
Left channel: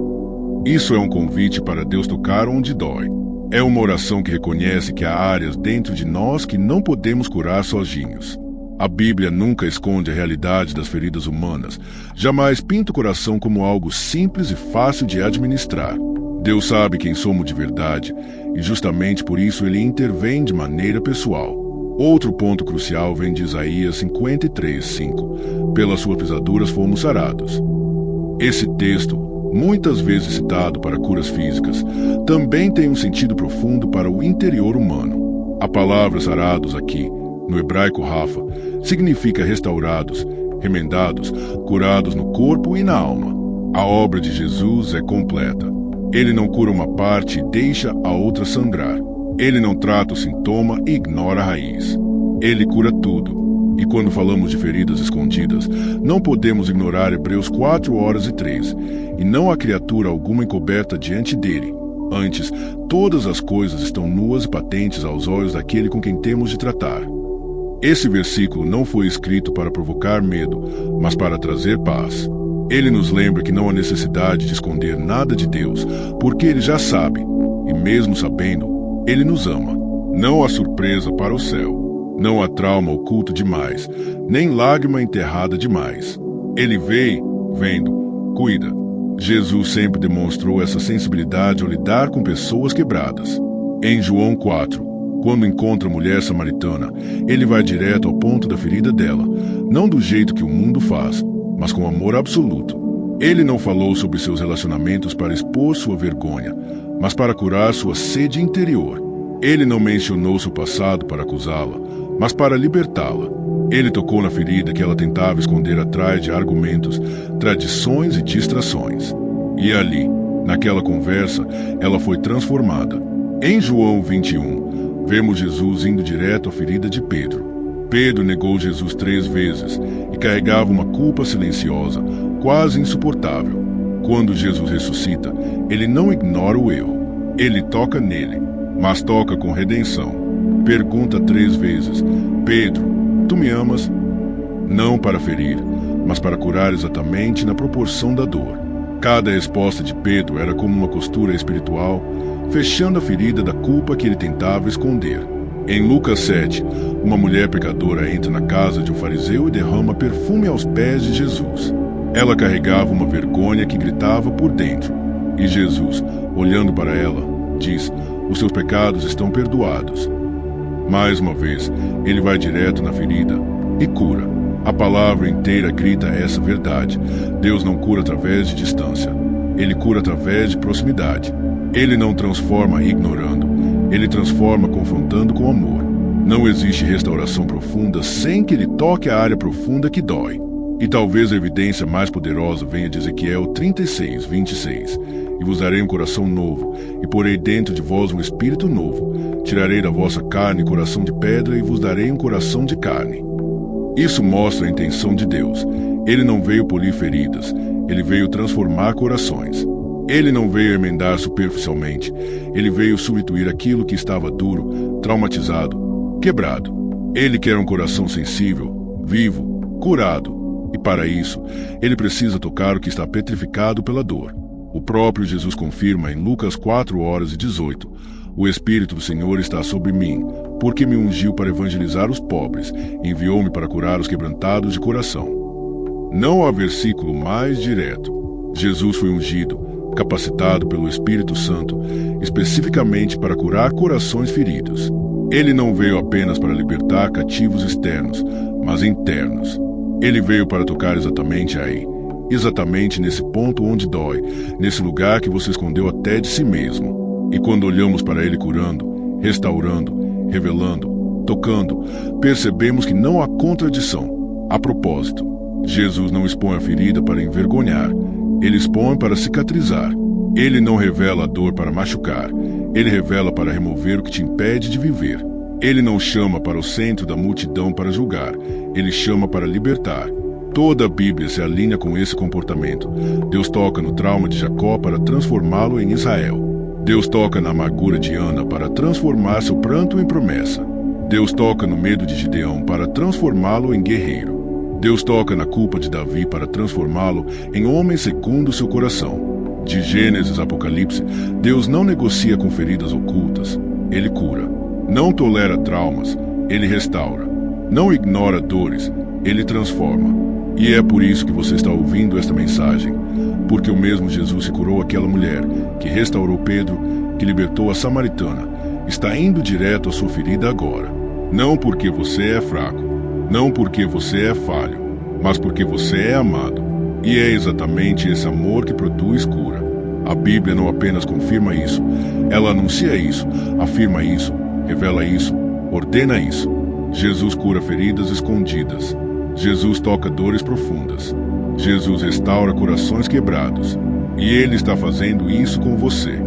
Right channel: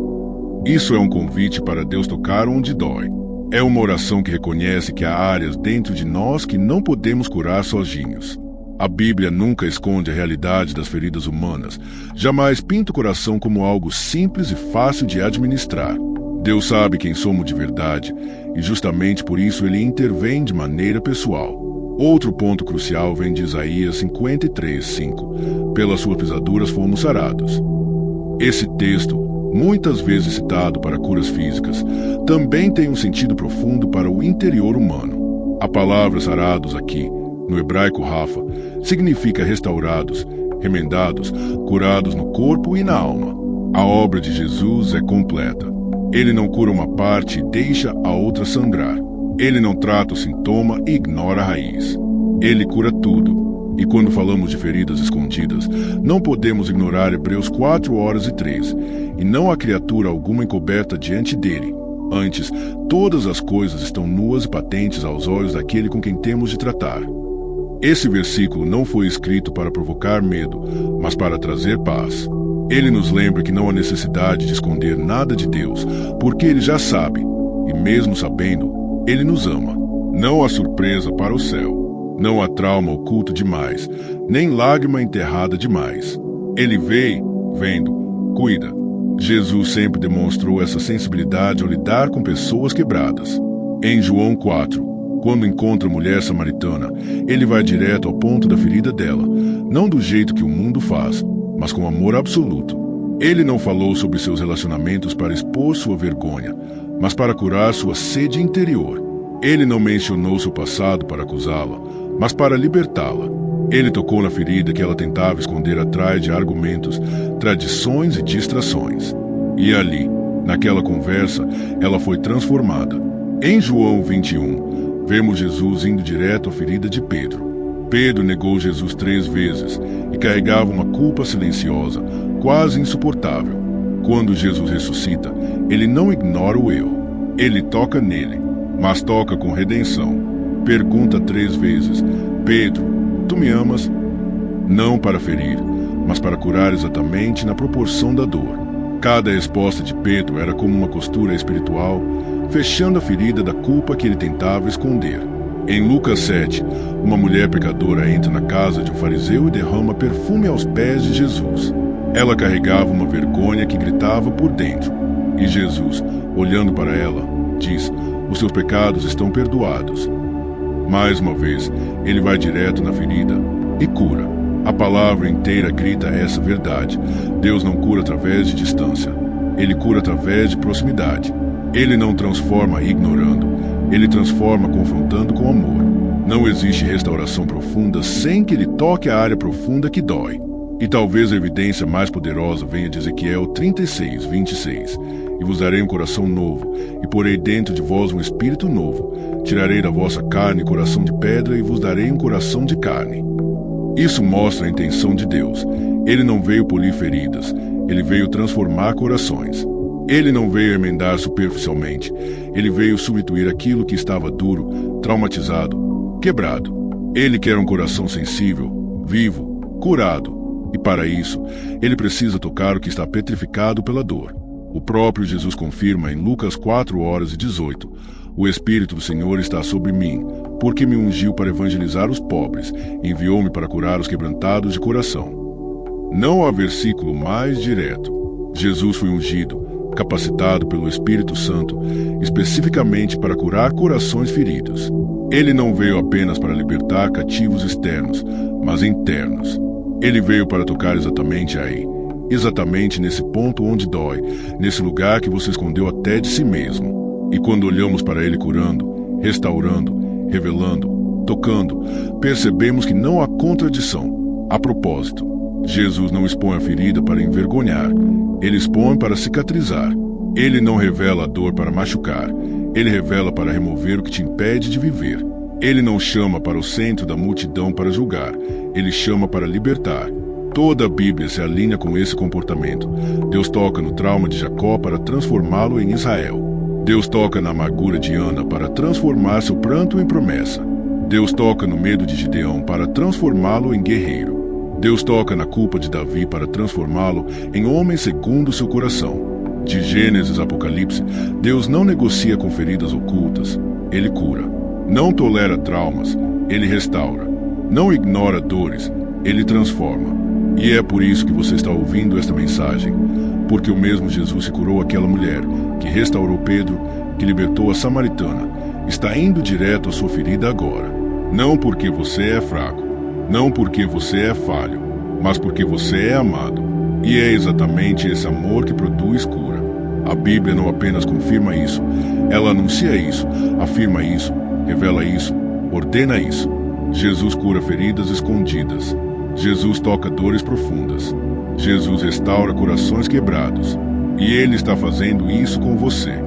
Isso é um convite para Deus tocar onde dói. É uma oração que reconhece que há áreas dentro de nós que não podemos curar sozinhos. A Bíblia nunca esconde a realidade das feridas humanas, jamais pinta o coração como algo simples e fácil de administrar. Deus sabe quem somos de verdade, e justamente por isso ele intervém de maneira pessoal. Outro ponto crucial vem de Isaías 53:5. Pelas suas pisaduras fomos sarados. Esse texto, muitas vezes citado para curas físicas, também tem um sentido profundo para o interior humano. A palavra sarados aqui, no hebraico rafa, significa restaurados, remendados, curados no corpo e na alma. A obra de Jesus é completa. Ele não cura uma parte e deixa a outra sangrar. Ele não trata o sintoma e ignora a raiz. Ele cura tudo. E quando falamos de feridas escondidas, não podemos ignorar Hebreus 4:3. E não há criatura alguma encoberta diante dele. Antes, todas as coisas estão nuas e patentes aos olhos daquele com quem temos de tratar. Esse versículo não foi escrito para provocar medo, mas para trazer paz. Ele nos lembra que não há necessidade de esconder nada de Deus, porque ele já sabe, e mesmo sabendo, ele nos ama. Não há surpresa para o céu. Não há trauma oculto demais, nem lágrima enterrada demais. Ele vê, vendo, cuida. Jesus sempre demonstrou essa sensibilidade ao lidar com pessoas quebradas. Em João 4, quando encontra a mulher samaritana, ele vai direto ao ponto da ferida dela, não do jeito que o mundo faz, mas com amor absoluto. Ele não falou sobre seus relacionamentos para expor sua vergonha, mas para curar sua sede interior. Ele não mencionou seu passado para acusá-la, mas para libertá-la. Ele tocou na ferida que ela tentava esconder atrás de argumentos, tradições e distrações. E ali, naquela conversa, ela foi transformada. Em João 21, vemos Jesus indo direto à ferida de Pedro. Pedro negou Jesus 3 vezes e carregava uma culpa silenciosa, quase insuportável. Quando Jesus ressuscita, ele não ignora o erro. Ele toca nele, mas toca com redenção. Pergunta 3 vezes: Pedro, tu me amas? Não para ferir, mas para curar exatamente na proporção da dor. Cada resposta de Pedro era como uma costura espiritual, fechando a ferida da culpa que ele tentava esconder. Em Lucas 7, uma mulher pecadora entra na casa de um fariseu e derrama perfume aos pés de Jesus. Ela carregava uma vergonha que gritava por dentro. E Jesus, olhando para ela, diz: os seus pecados estão perdoados. Mais uma vez, ele vai direto na ferida e cura. A palavra inteira grita essa verdade. Deus não cura através de distância. Ele cura através de proximidade. Ele não transforma ignorando. Ele transforma confrontando com amor. Não existe restauração profunda sem que ele toque a área profunda que dói. E talvez a evidência mais poderosa venha de Ezequiel 36, 26. E vos darei um coração novo, e porei dentro de vós um espírito novo. Tirarei da vossa carne coração de pedra, e vos darei um coração de carne. Isso mostra a intenção de Deus. Ele não veio polir feridas, ele veio transformar corações. Ele não veio emendar superficialmente, ele veio substituir aquilo que estava duro, traumatizado, quebrado. Ele quer um coração sensível, vivo, curado. E para isso, ele precisa tocar o que está petrificado pela dor. O próprio Jesus confirma em Lucas 4:18, o Espírito do Senhor está sobre mim, porque me ungiu para evangelizar os pobres, enviou-me para curar os quebrantados de coração. Não há versículo mais direto. Jesus foi ungido, capacitado pelo Espírito Santo, especificamente para curar corações feridos. Ele não veio apenas para libertar cativos externos, mas internos. Ele veio para tocar exatamente aí, exatamente nesse ponto onde dói, nesse lugar que você escondeu até de si mesmo. E quando olhamos para ele curando, restaurando, revelando, tocando, percebemos que não há contradição. A propósito, Jesus não expõe a ferida para envergonhar, ele expõe para cicatrizar. Ele não revela a dor para machucar, ele revela para remover o que te impede de viver. Ele não chama para o centro da multidão para julgar, ele chama para libertar. Toda a Bíblia se alinha com esse comportamento. Deus toca no trauma de Jacó para transformá-lo em Israel. Deus toca na amargura de Ana para transformar seu pranto em promessa. Deus toca no medo de Gideão para transformá-lo em guerreiro. Deus toca na culpa de Davi para transformá-lo em homem segundo seu coração. De Gênesis a Apocalipse, Deus não negocia com feridas ocultas, ele cura. Não tolera traumas, ele restaura. Não ignora dores, ele transforma. E é por isso que você está ouvindo esta mensagem, porque o mesmo Jesus que curou aquela mulher, que restaurou Pedro, que libertou a samaritana, está indo direto à sua ferida agora. Não porque você é fraco, não porque você é falho, mas porque você é amado. E é exatamente esse amor que produz cura. A Bíblia não apenas confirma isso, ela anuncia isso, afirma isso, revela isso, ordena isso. Jesus cura feridas escondidas. Jesus toca dores profundas. Jesus restaura corações quebrados. E Ele está fazendo isso com você.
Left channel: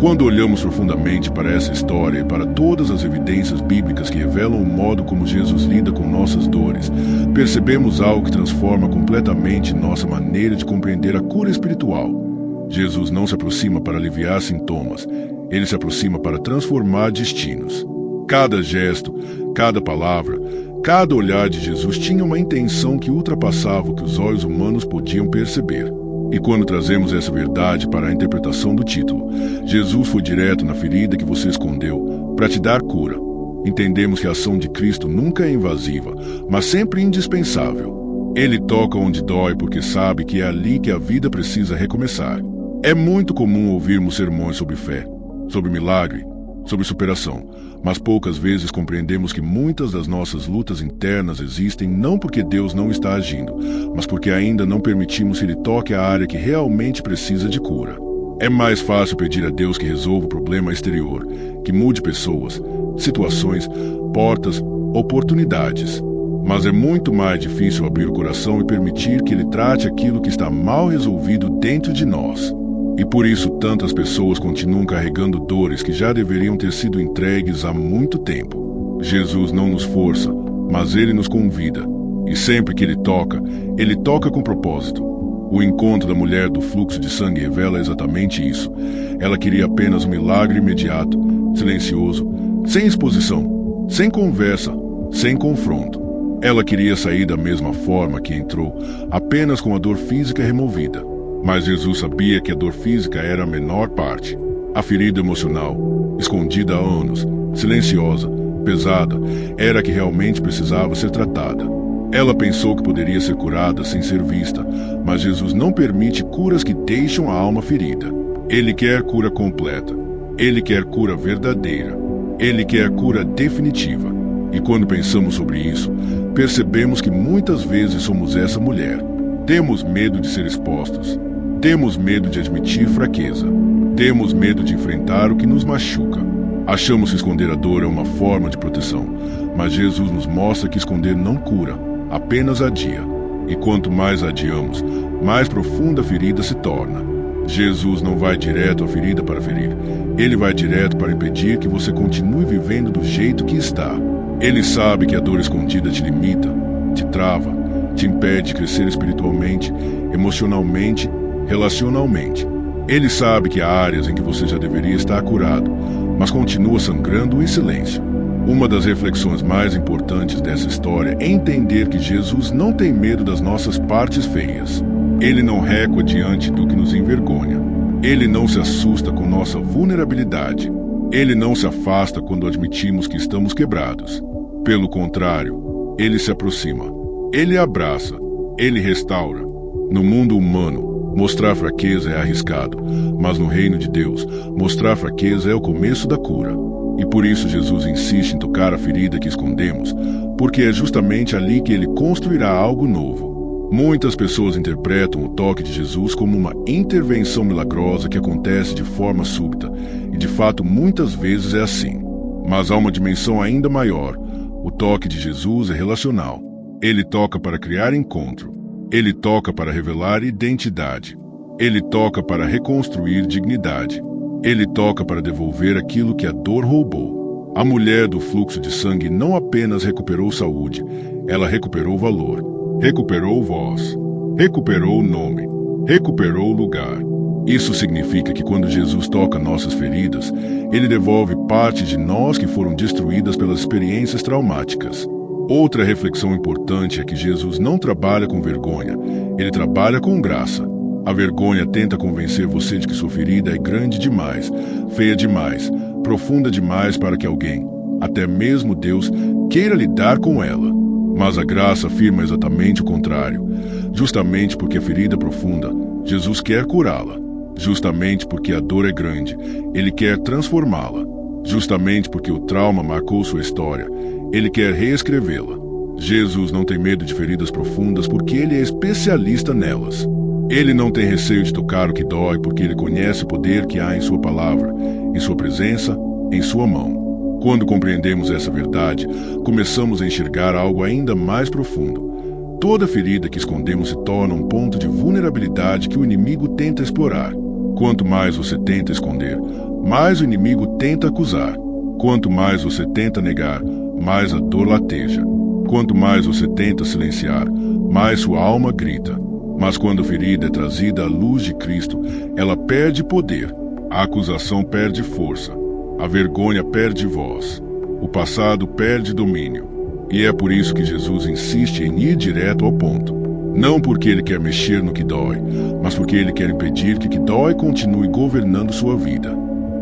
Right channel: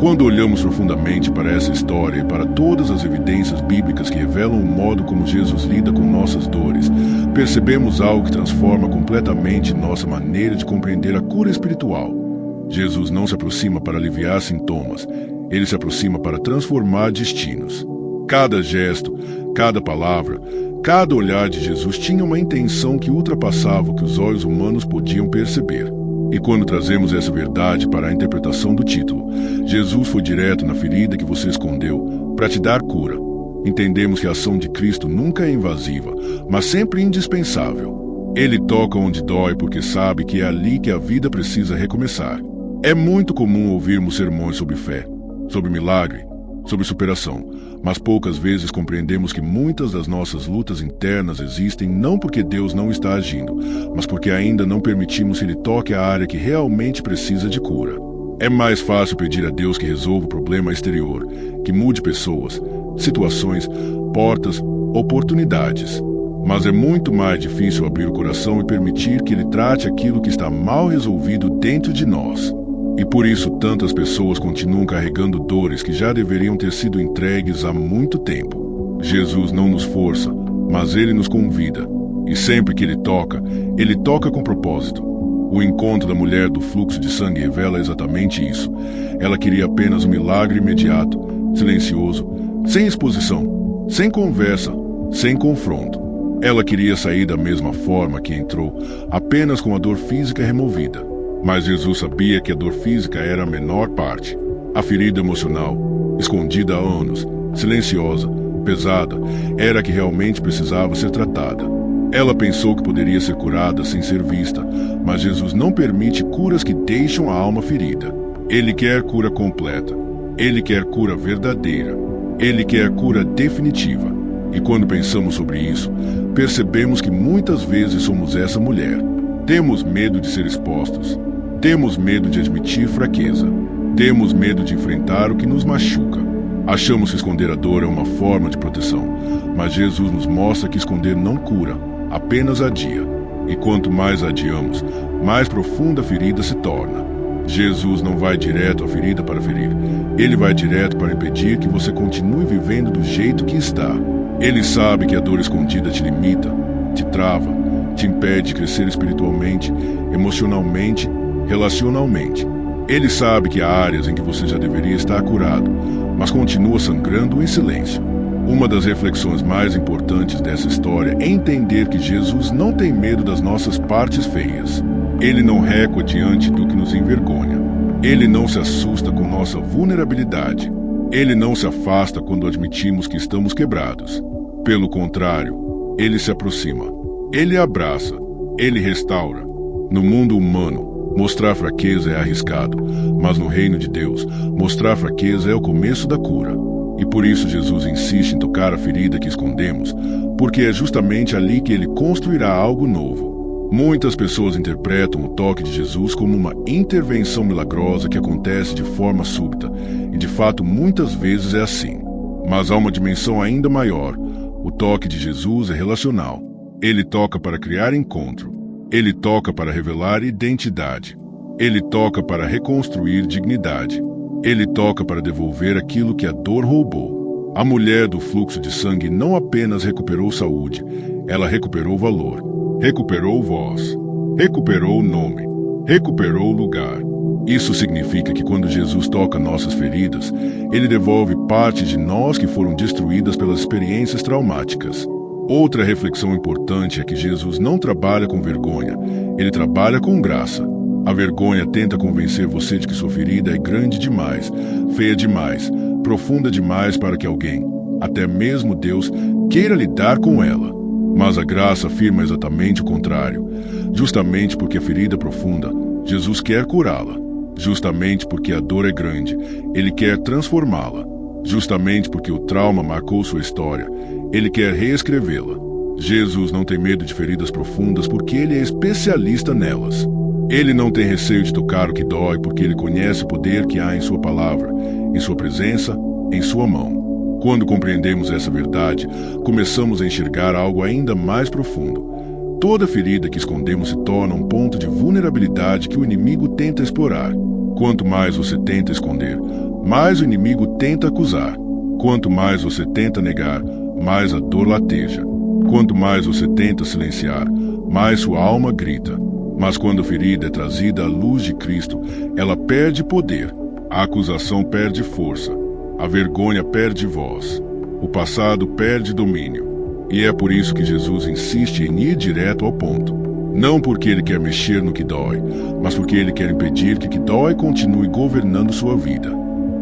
Quando olhamos profundamente para essa história e para todas as evidências bíblicas que revelam o modo como Jesus lida com nossas dores, percebemos algo que transforma completamente nossa maneira de compreender a cura espiritual. Jesus não se aproxima para aliviar sintomas, ele se aproxima para transformar destinos. Cada gesto, cada palavra, cada olhar de Jesus tinha uma intenção que ultrapassava o que os olhos humanos podiam perceber. E quando trazemos essa verdade para a interpretação do título, Jesus foi direto na ferida que você escondeu para te dar cura. Entendemos que a ação de Cristo nunca é invasiva, mas sempre indispensável. Ele toca onde dói porque sabe que é ali que a vida precisa recomeçar. É muito comum ouvirmos sermões sobre fé, sobre milagre, sobre superação, mas poucas vezes compreendemos que muitas das nossas lutas internas existem não porque Deus não está agindo, mas porque ainda não permitimos que Ele toque a área que realmente precisa de cura. É mais fácil pedir a Deus que resolva o problema exterior, que mude pessoas, situações, portas, oportunidades. Mas é muito mais difícil abrir o coração e permitir que Ele trate aquilo que está mal resolvido dentro de nós. E por isso tantas pessoas continuam carregando dores que já deveriam ter sido entregues há muito tempo. Jesus não nos força, mas Ele nos convida. E sempre que Ele toca com propósito. O encontro da mulher do fluxo de sangue revela exatamente isso. Ela queria apenas um milagre imediato, silencioso, sem exposição, sem conversa, sem confronto. Ela queria sair da mesma forma que entrou, apenas com a dor física removida. Mas Jesus sabia que a dor física era a menor parte. A ferida emocional, escondida há anos, silenciosa, pesada, era a que realmente precisava ser tratada. Ela pensou que poderia ser curada sem ser vista, mas Jesus não permite curas que deixam a alma ferida. Ele quer cura completa. Ele quer cura verdadeira. Ele quer cura definitiva. E quando pensamos sobre isso, percebemos que muitas vezes somos essa mulher. Temos medo de ser expostos. Temos medo de admitir fraqueza. Temos medo de enfrentar o que nos machuca. Achamos que esconder a dor é uma forma de proteção, mas Jesus nos mostra que esconder não cura, apenas adia. E quanto mais adiamos, mais profunda a ferida se torna. Jesus não vai direto à ferida para ferir. Ele vai direto para impedir que você continue vivendo do jeito que está. Ele sabe que a dor escondida te limita, te trava, te impede de crescer espiritualmente, emocionalmente, relacionalmente. Ele sabe que há áreas em que você já deveria estar curado, mas continua sangrando em silêncio. Uma das reflexões mais importantes dessa história é entender que Jesus não tem medo das nossas partes feias. Ele não recua diante do que nos envergonha. Ele não se assusta com nossa vulnerabilidade. Ele não se afasta quando admitimos que estamos quebrados. Pelo contrário, ele se aproxima. Ele abraça. Ele restaura. No mundo humano, mostrar fraqueza é arriscado, mas no reino de Deus, mostrar fraqueza é o começo da cura. E por isso Jesus insiste em tocar a ferida que escondemos, porque é justamente ali que ele construirá algo novo. Muitas pessoas interpretam o toque de Jesus como uma intervenção milagrosa que acontece de forma súbita, e de fato muitas vezes é assim. Mas há uma dimensão ainda maior. O toque de Jesus é relacional. Ele toca para criar encontro. Ele toca para revelar identidade. Ele toca para reconstruir dignidade. Ele toca para devolver aquilo que a dor roubou. A mulher do fluxo de sangue não apenas recuperou saúde, ela recuperou valor, recuperou voz, recuperou nome, recuperou lugar. Isso significa que quando Jesus toca nossas feridas, ele devolve partes de nós que foram destruídas pelas experiências traumáticas. Outra reflexão importante é que Jesus não trabalha com vergonha, ele trabalha com graça. A vergonha tenta convencer você de que sua ferida é grande demais, feia demais, profunda demais para que alguém, até mesmo Deus, queira lidar com ela. Mas a graça afirma exatamente o contrário. Justamente porque a ferida é profunda, Jesus quer curá-la. Justamente porque a dor é grande, ele quer transformá-la. Justamente porque o trauma marcou sua história, ele quer reescrevê-la. Jesus não tem medo de feridas profundas porque ele é especialista nelas. Ele não tem receio de tocar o que dói porque ele conhece o poder que há em sua palavra, em sua presença, em sua mão. Quando compreendemos essa verdade, começamos a enxergar algo ainda mais profundo. Toda ferida que escondemos se torna um ponto de vulnerabilidade que o inimigo tenta explorar. Quanto mais você tenta esconder, mais o inimigo tenta acusar. Quanto mais você tenta negar, mais a dor lateja. Quanto mais você tenta silenciar, mais sua alma grita. Mas quando a ferida é trazida à luz de Cristo, ela perde poder. A acusação perde força. A vergonha perde voz. O passado perde domínio. E é por isso que Jesus insiste em ir direto ao ponto. Não porque ele quer mexer no que dói, mas porque ele quer impedir que o que dói continue governando sua vida.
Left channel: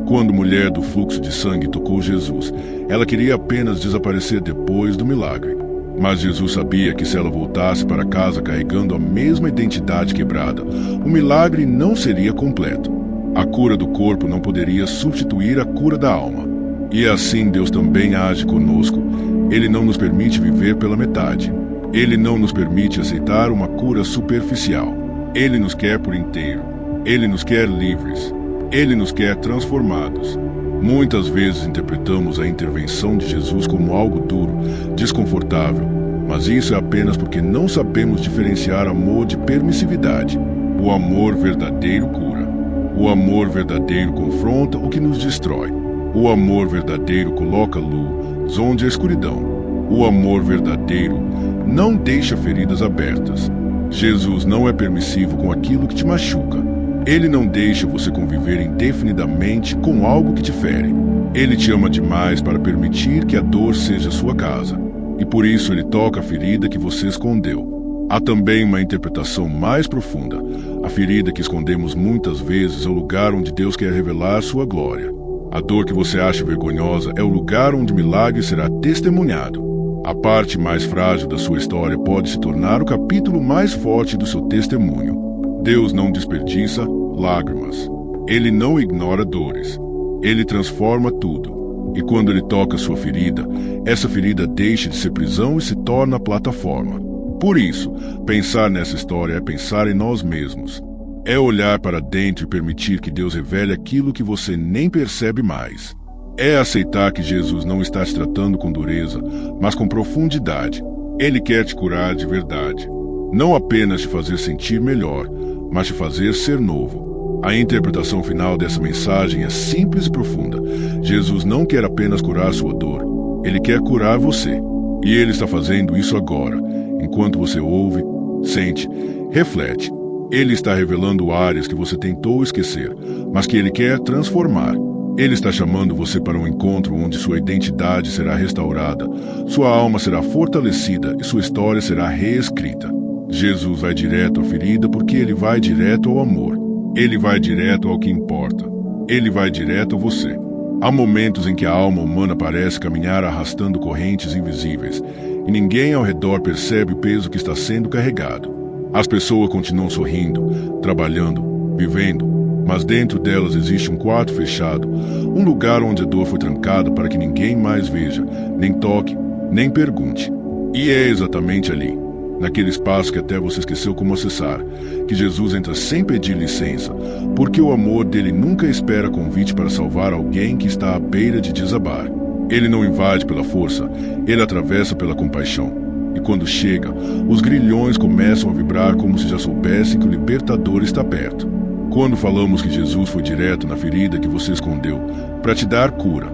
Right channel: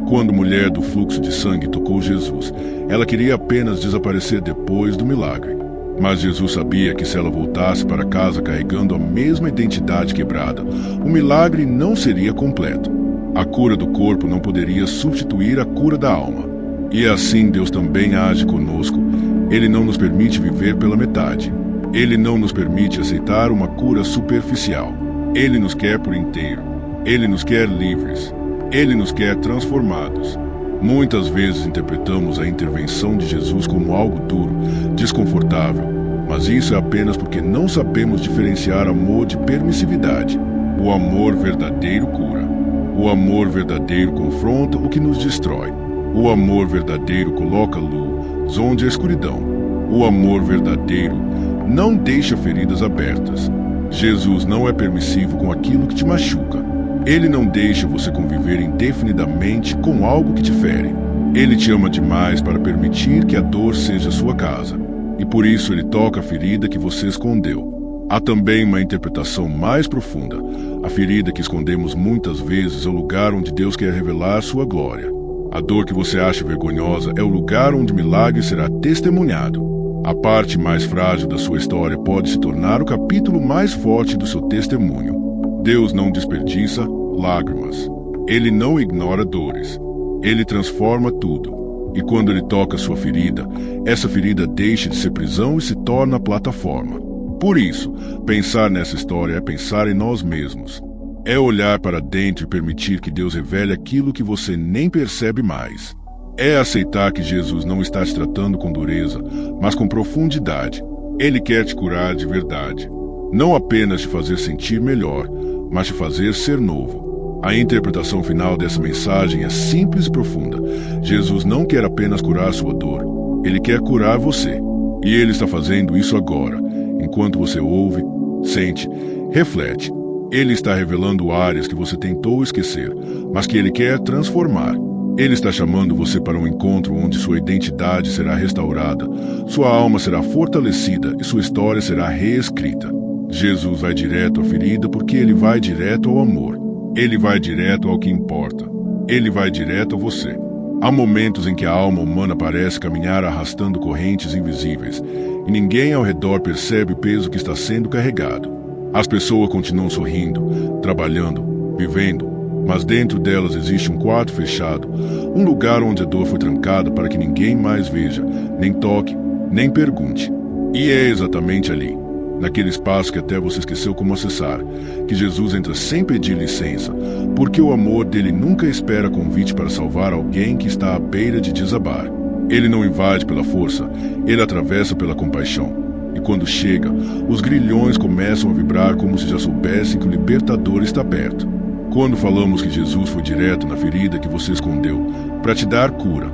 Quando a mulher do fluxo de sangue tocou Jesus, ela queria apenas desaparecer depois do milagre. Mas Jesus sabia que se ela voltasse para casa carregando a mesma identidade quebrada, o milagre não seria completo. A cura do corpo não poderia substituir a cura da alma. E assim Deus também age conosco. Ele não nos permite viver pela metade. Ele não nos permite aceitar uma cura superficial. Ele nos quer por inteiro. Ele nos quer livres. Ele nos quer transformados. Muitas vezes interpretamos a intervenção de Jesus como algo duro, desconfortável, mas isso é apenas porque não sabemos diferenciar amor de permissividade. O amor verdadeiro cura. O amor verdadeiro confronta o que nos destrói. O amor verdadeiro coloca luz onde há escuridão. O amor verdadeiro não deixa feridas abertas. Jesus não é permissivo com aquilo que te machuca. Ele não deixa você conviver indefinidamente com algo que te fere. Ele te ama demais para permitir que a dor seja sua casa. E por isso ele toca a ferida que você escondeu. Há também uma interpretação mais profunda. A ferida que escondemos muitas vezes é o lugar onde Deus quer revelar sua glória. A dor que você acha vergonhosa é o lugar onde o milagre será testemunhado. A parte mais frágil da sua história pode se tornar o capítulo mais forte do seu testemunho. Deus não desperdiça lágrimas. Ele não ignora dores. Ele transforma tudo. E quando ele toca sua ferida, essa ferida deixa de ser prisão e se torna plataforma. Por isso, pensar nessa história é pensar em nós mesmos. É olhar para dentro e permitir que Deus revele aquilo que você nem percebe mais. É aceitar que Jesus não está te tratando com dureza, mas com profundidade. Ele quer te curar de verdade. Não apenas te fazer sentir melhor, mas te fazer ser novo. A interpretação final dessa mensagem é simples e profunda. Jesus não quer apenas curar sua dor, Ele quer curar você. E Ele está fazendo isso agora, enquanto você ouve, sente, reflete. Ele está revelando áreas que você tentou esquecer, mas que Ele quer transformar. Ele está chamando você para um encontro onde sua identidade será restaurada, sua alma será fortalecida e sua história será reescrita. Jesus vai direto à ferida porque Ele vai direto ao amor. Ele vai direto ao que importa. Ele vai direto a você. Há momentos em que a alma humana parece caminhar arrastando correntes invisíveis, e ninguém ao redor percebe o peso que está sendo carregado. As pessoas continuam sorrindo, trabalhando, vivendo, mas dentro delas existe um quarto fechado, um lugar onde a dor foi trancada para que ninguém mais veja, nem toque, nem pergunte. E é exatamente ali, naquele espaço que até você esqueceu como acessar, que Jesus entra sem pedir licença, porque o amor dele nunca espera convite para salvar alguém que está à beira de desabar. Ele não invade pela força, ele atravessa pela compaixão. E quando chega, os grilhões começam a vibrar como se já soubessem que o libertador está perto. Quando falamos que Jesus foi direto na ferida que você escondeu para te dar cura,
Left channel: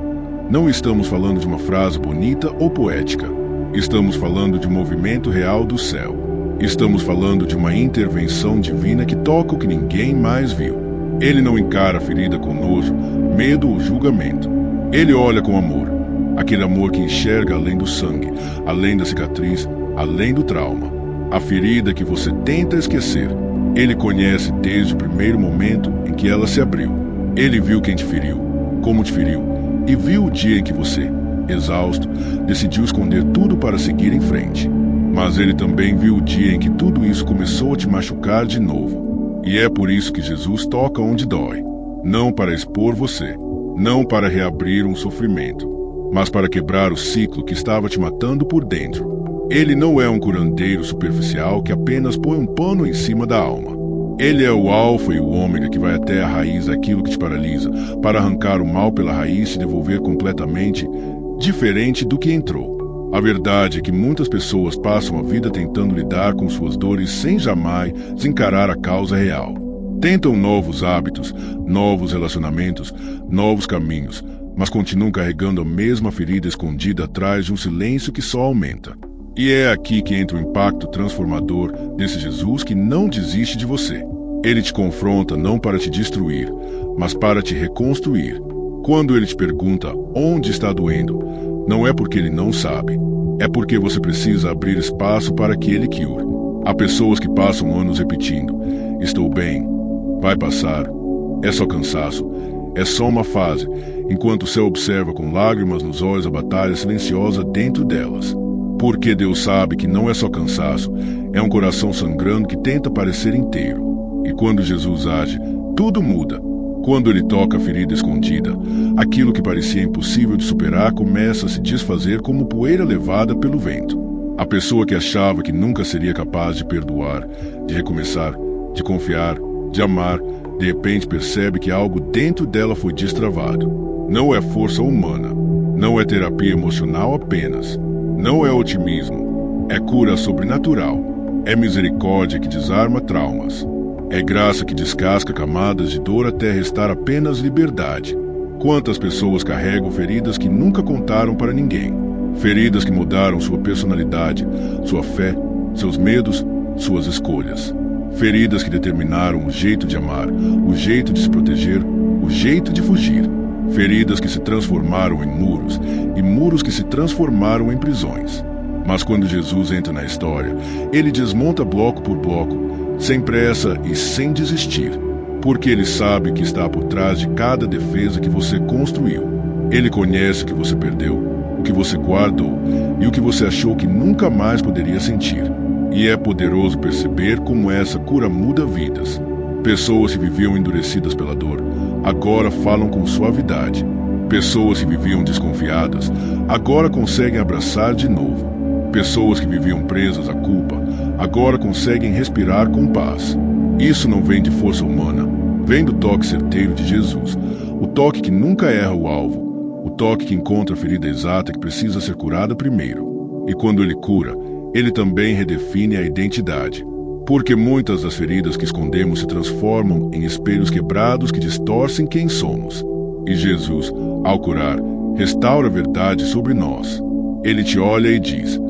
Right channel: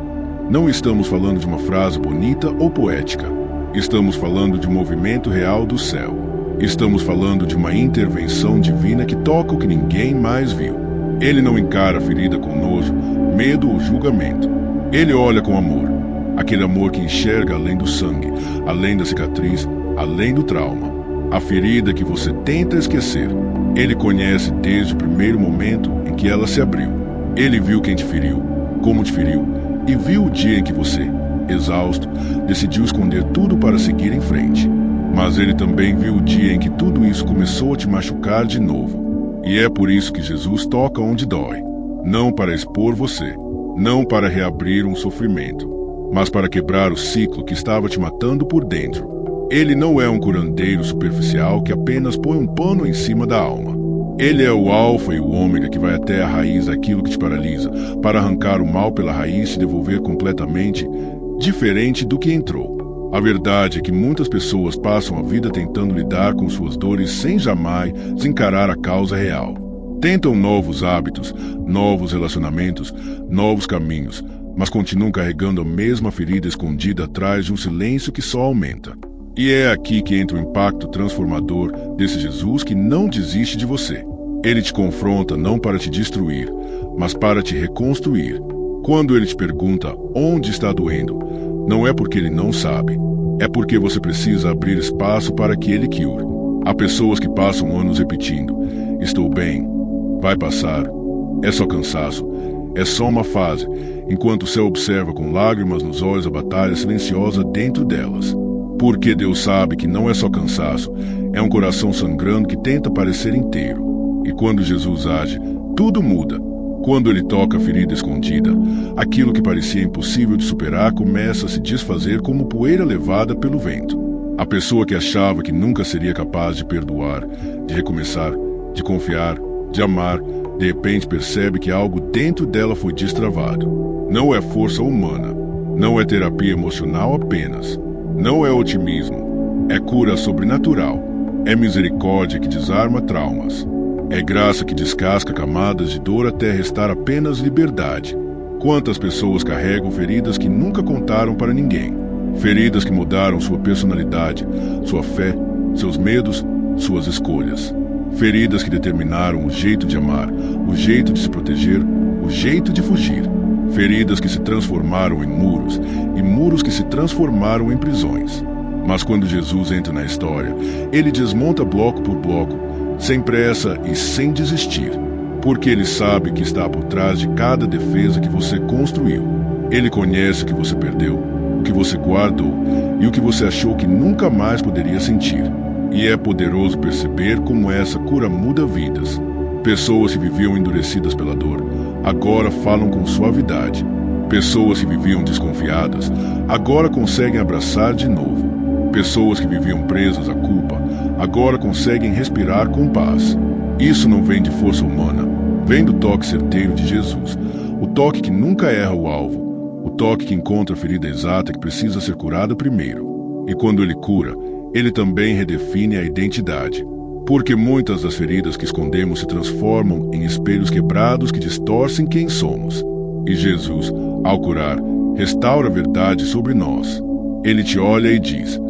não estamos falando de uma frase bonita ou poética. Estamos falando de um movimento real do céu. Estamos falando de uma intervenção divina que toca o que ninguém mais viu. Ele não encara a ferida com nojo, medo ou julgamento. Ele olha com amor. Aquele amor que enxerga além do sangue, além da cicatriz, além do trauma. A ferida que você tenta esquecer. Ele conhece desde o primeiro momento em que ela se abriu. Ele viu quem te feriu, como te feriu, e viu o dia em que você, exausto, decidiu esconder tudo para seguir em frente. Mas ele também viu o dia em que tudo isso começou a te machucar de novo. E é por isso que Jesus toca onde dói. Não para expor você, não para reabrir um sofrimento, mas para quebrar o ciclo que estava te matando por dentro. Ele não é um curandeiro superficial que apenas põe um pano em cima da alma. Ele é o alfa e o ômega que vai até a raiz daquilo que te paralisa, para arrancar o mal pela raiz e te devolver completamente diferente do que entrou. A verdade é que muitas pessoas passam a vida tentando lidar com suas dores sem jamais encarar a causa real. Tentam novos hábitos, novos relacionamentos, novos caminhos, mas continuam carregando a mesma ferida escondida atrás de um silêncio que só aumenta. E é aqui que entra o impacto transformador desse Jesus que não desiste de você. Ele te confronta não para te destruir, mas para te reconstruir. Quando ele te pergunta onde está doendo, não é porque ele não sabe, é porque você precisa abrir espaço para que ele cure. Há pessoas que passam anos repetindo: estou bem, vai passar, é só cansaço, é só uma fase, enquanto o céu observa com lágrimas nos olhos a batalha silenciosa dentro delas. Porque Deus sabe que não é só cansaço, é um coração sangrando que tenta parecer inteiro. E quando Jesus age, tudo muda. Quando ele toca a ferida escondida, aquilo que parecia impossível de superar começa a se desfazer como poeira levada pelo vento. A pessoa que achava que nunca seria capaz de perdoar, de recomeçar, de confiar, de amar, de repente percebe que algo dentro dela foi destravado. Não é força humana, não é terapia emocional apenas. Não é otimismo, é cura sobrenatural, é misericórdia que desarma traumas, é graça que descasca camadas de dor até restar apenas liberdade. Quantas pessoas carregam feridas que nunca contaram para ninguém, feridas que mudaram sua personalidade, sua fé, seus medos, suas escolhas, feridas que determinaram o jeito de amar, o jeito de se proteger, o jeito de fugir. Feridas que se transformaram em muros, e muros que se transformaram em prisões. Mas quando Jesus entra na história, ele desmonta bloco por bloco, sem pressa e sem desistir, porque ele sabe que está por trás de cada defesa que você construiu. Ele conhece o que você perdeu, o que você guardou e o que você achou que nunca mais poderia sentir. E é poderoso perceber como essa cura muda vidas. Pessoas que viviam endurecidas pela dor, agora falam com suavidade. Pessoas que viviam desconfiadas, agora conseguem abraçar de novo. Pessoas que viviam presas à culpa, agora conseguem respirar com paz. Isso não vem de força humana, vem do toque certeiro de Jesus. O toque que nunca erra o alvo. O toque que encontra a ferida exata que precisa ser curada primeiro. E quando ele cura, ele também redefine a identidade. Porque muitas das feridas que escondemos se transformam em espelhos quebrados que distorcem quem somos. E Jesus, ao curar, restaura a verdade sobre nós. Ele te olha e diz:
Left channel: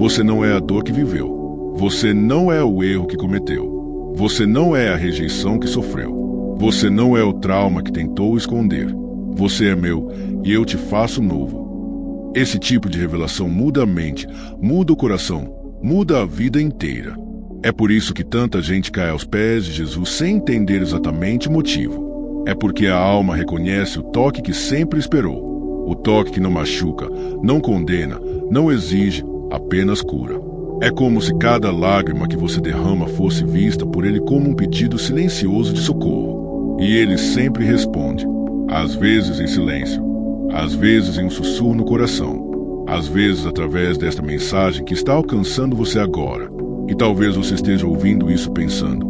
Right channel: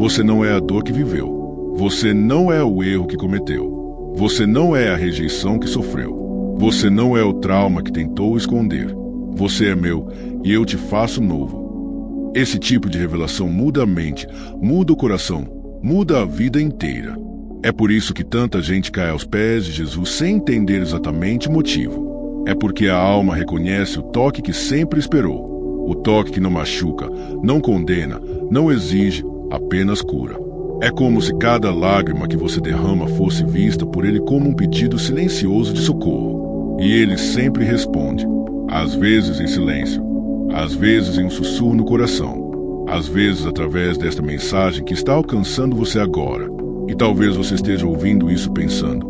você não é a dor que viveu. Você não é o erro que cometeu. Você não é a rejeição que sofreu. Você não é o trauma que tentou esconder. Você é meu e eu te faço novo. Esse tipo de revelação muda a mente, muda o coração, muda a vida inteira. É por isso que tanta gente cai aos pés de Jesus sem entender exatamente o motivo. É porque a alma reconhece o toque que sempre esperou. O toque que não machuca, não condena, não exige, apenas cura. É como se cada lágrima que você derrama fosse vista por ele como um pedido silencioso de socorro. E ele sempre responde, às vezes em silêncio, às vezes em um sussurro no coração, às vezes através desta mensagem que está alcançando você agora. E talvez você esteja ouvindo isso pensando,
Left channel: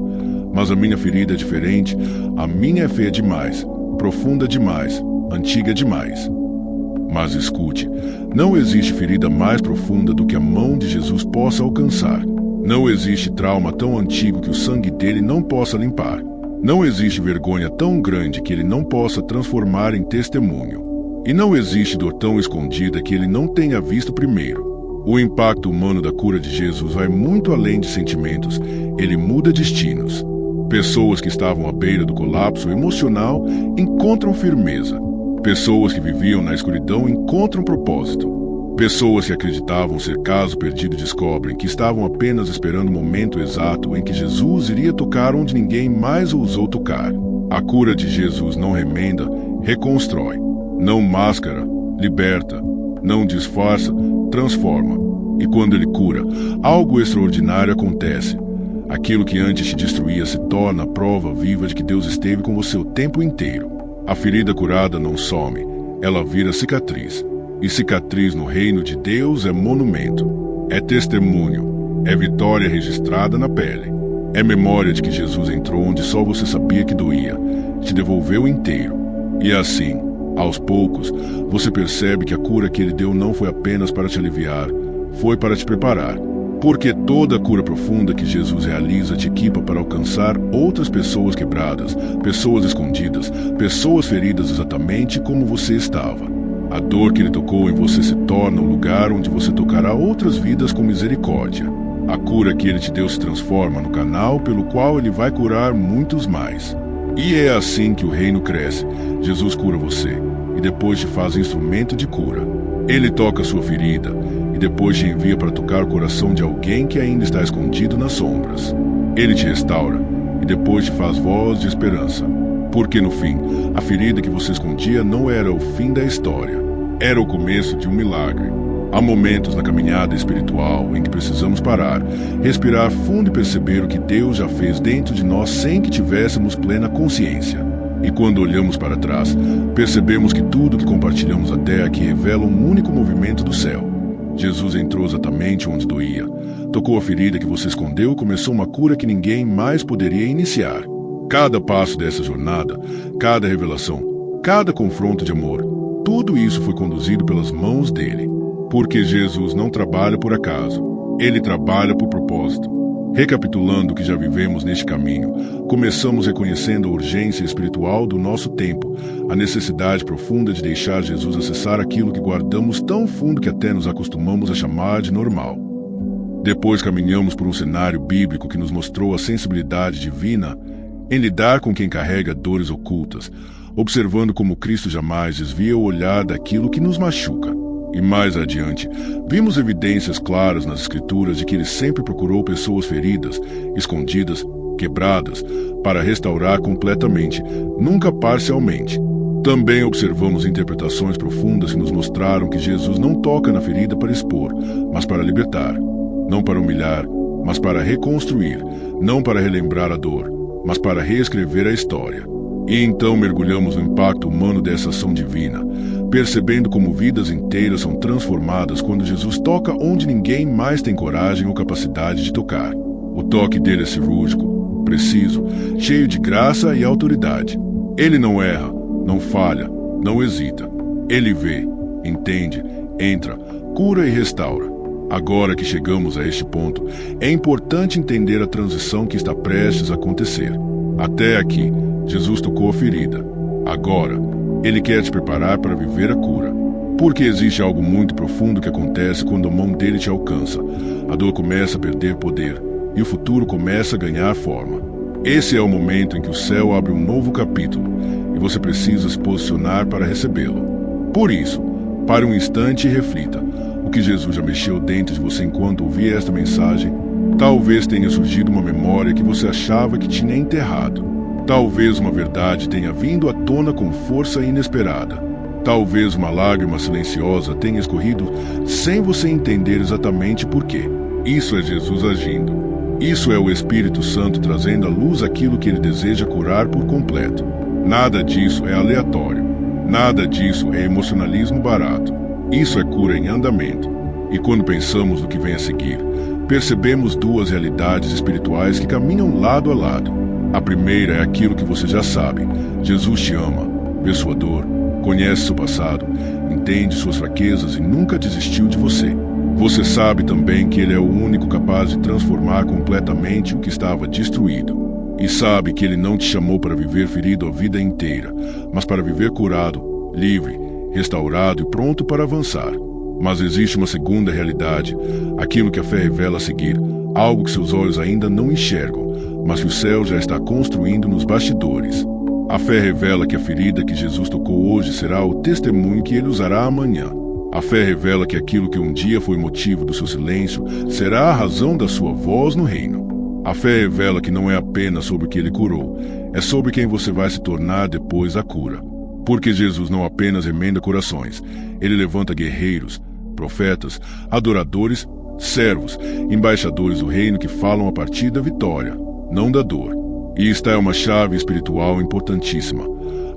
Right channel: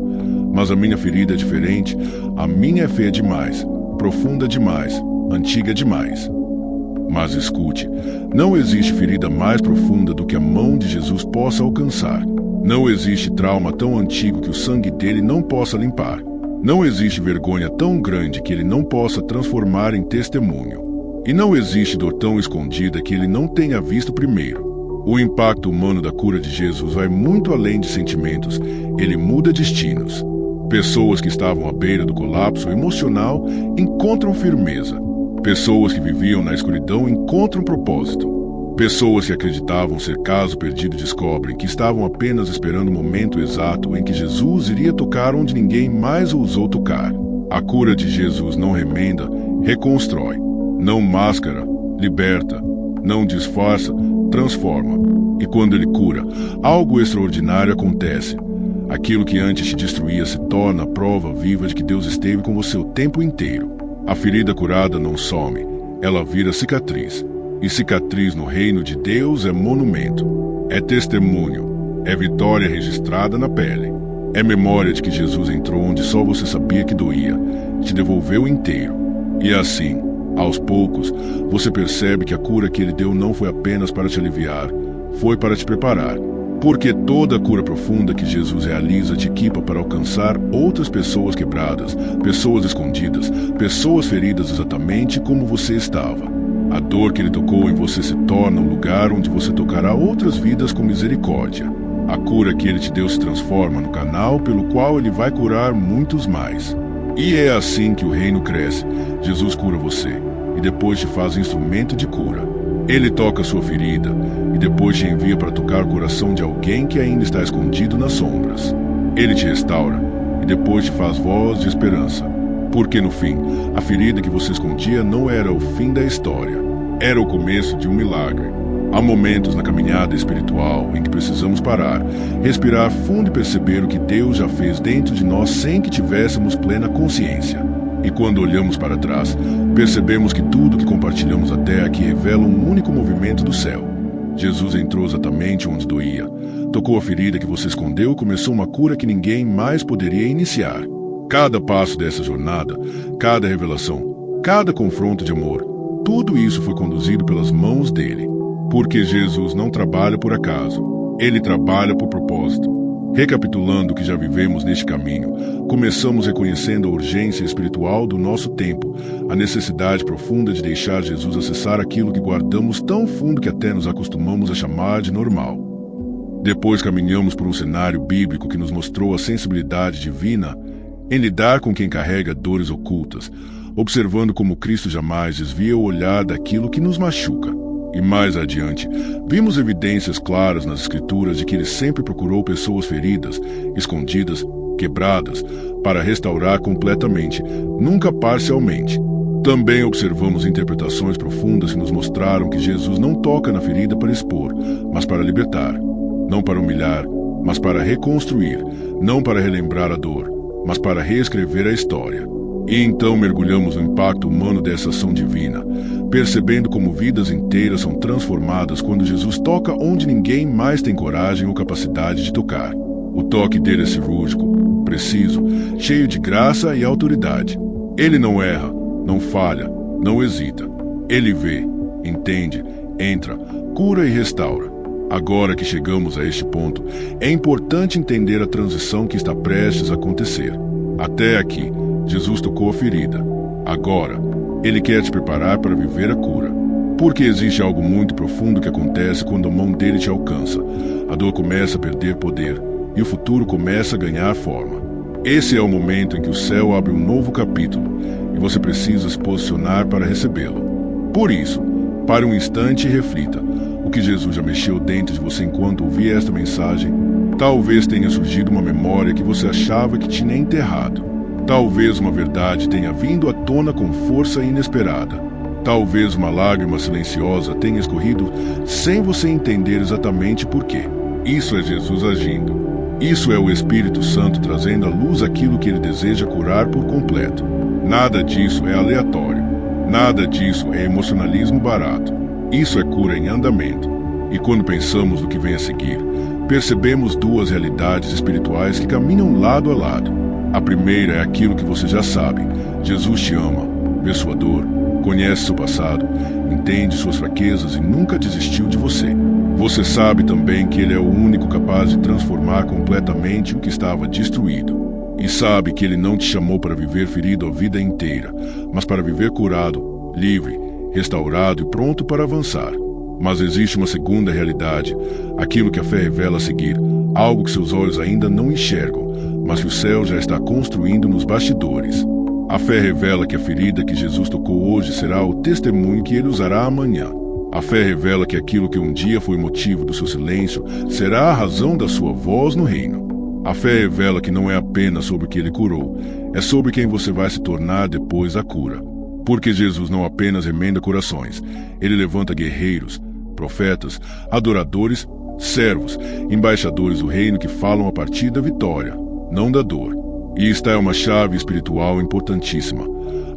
mas a minha ferida é diferente, a minha é feia demais, profunda demais, antiga demais. Mas escute, não existe ferida mais profunda do que a mão de Jesus possa alcançar. Não existe trauma tão antigo que o sangue dele não possa limpar. Não existe vergonha tão grande que ele não possa transformar em testemunho. E não existe dor tão escondida que ele não tenha visto primeiro. O impacto humano da cura de Jesus vai muito além de sentimentos, ele muda destinos. Pessoas que estavam à beira do colapso emocional encontram firmeza. Pessoas que viviam na escuridão encontram propósito. Pessoas que acreditavam ser caso perdido descobrem que estavam apenas esperando o momento exato em que Jesus iria tocar onde ninguém mais ousou tocar. A cura de Jesus não remenda, reconstrói. Não máscara, liberta. Não disfarça, transforma. E quando ele cura, algo extraordinário acontece. Aquilo que antes te destruía se torna a prova viva de que Deus esteve com você o tempo inteiro. A ferida curada não some, ela vira cicatriz. E cicatriz no reino de Deus é monumento. É testemunho, é vitória registrada na pele. É memória de que Jesus entrou onde só você sabia que doía, te devolveu inteiro. E assim, aos poucos, você percebe que a cura que ele deu não foi apenas para te aliviar, foi para te preparar. Porque toda a cura profunda que Jesus realiza te equipa para alcançar outras pessoas quebradas, pessoas escondidas, pessoas feridas exatamente como você estava. A dor que ele tocou em você se torna o lugar onde você tocará outras vidas com misericórdia. A cura que ele te deu se transforma no canal pelo qual ele vai curar muitos mais. E é assim que o reino cresce. Jesus cura você e depois te faz instrumento de cura. Ele toca a sua ferida e depois te envia para tocar o coração de alguém que ainda está escondido nas sombras. Ele te restaura e depois te faz voz de esperança. Porque no fim, a ferida que você escondia não era o fim da história. Era o começo de um milagre. Há momentos na caminhada espiritual em que precisamos parar, respirar fundo e perceber o que Deus já fez dentro de nós sem que tivéssemos plena consciência. E quando olhamos para trás, percebemos que tudo que compartilhamos até aqui revela um único movimento do céu. Jesus entrou exatamente onde doía, tocou a ferida que você escondeu e começou uma cura que ninguém mais poderia iniciar. Cada passo dessa jornada, cada revelação, cada confronto de amor, tudo isso foi conduzido pelas mãos dele. Porque Jesus não trabalha por acaso, ele trabalha por propósito. Recapitulando o que já vivemos neste caminho, começamos reconhecendo a urgência espiritual do nosso tempo, a necessidade profunda de deixar Jesus acessar aquilo que guardamos tão fundo que até nos acostumamos a chamar de normal. Depois caminhamos por um cenário bíblico que nos mostrou a sensibilidade divina em lidar com quem carrega dores ocultas, observando como Cristo jamais desvia o olhar daquilo que nos machuca. E mais adiante, vimos evidências claras nas Escrituras de que ele sempre procurou pessoas feridas, escondidas, quebradas, para restaurar completamente, nunca parcialmente. Também observamos interpretações profundas que nos mostraram que Jesus não toca na ferida para expor, mas para libertar. Não para humilhar, mas para reconstruir. Não para relembrar a dor, mas para reescrever a história. E então mergulhamos no impacto humano dessa ação divina, percebendo como vidas inteiras são transformadas quando Jesus toca onde ninguém mais tem coragem ou capacidade de tocar. O toque dele é cirúrgico, preciso, cheio de graça e autoridade. Ele não erra, não falha, não hesita. Ele vê, entende, entra, cura e restaura. Agora que chegamos a este ponto, é importante entender a transição que está prestes a acontecer. Até aqui, Jesus tocou a ferida. Agora, Ele quer te preparar para viver a cura. Porque existe algo muito profundo que acontece quando a mão dele te alcança. A dor começa a perder poder e o futuro começa a ganhar forma. Esse é o momento em que o céu abre um novo capítulo e você precisa se posicionar para recebê-lo. Por isso, pare um instante e reflita. O que Jesus já mexeu dentro de você enquanto ouvia esta mensagem? Talvez tenha surgido uma memória que você achava que tinha enterrado. Talvez uma verdade tenha vindo à tona com força inesperada. Talvez uma lágrima silenciosa tenha escorrido sem você entender exatamente por quê. Isso é Jesus agindo. Isso é o Espírito Santo trazendo à luz aquilo que ele deseja curar por completo. Nada disso é aleatório. Nada disso é emocionalismo barato. Isso é cura em andamento. E quando pensamos no que vem a seguir, percebemos duas realidades espirituais que caminham lado a lado. A primeira é aquilo que você já sabe. Jesus te ama, vê sua dor, conhece seu passado, entende suas fraquezas e nunca desistiu de você. Você sabe também que Ele é o único capaz de transformar completamente o que estava destruído. E sabe que Ele não te chamou para viver ferido a vida inteira, mas para viver curado, livre, restaurado e pronto para avançar. Mas existe uma segunda realidade, aquilo que a fé revela a seguir, algo que seus olhos ainda não enxergam, mas que o céu já está construindo nos bastidores. A fé revela que a ferida que Jesus tocou hoje será o testemunho que ele usará amanhã. A fé revela que aquilo que um dia foi motivo do seu silêncio será a razão da sua voz no reino. A fé revela que não é apenas sobre o que ele curou, é sobre quem você vai se tornar depois da cura. Porque Jesus não apenas remenda corações, ele levanta guerreiros, profetas, adoradores, servos, embaixadores do reino que falam a partir da vitória, não da dor. E esta é uma chave espiritual importantíssima.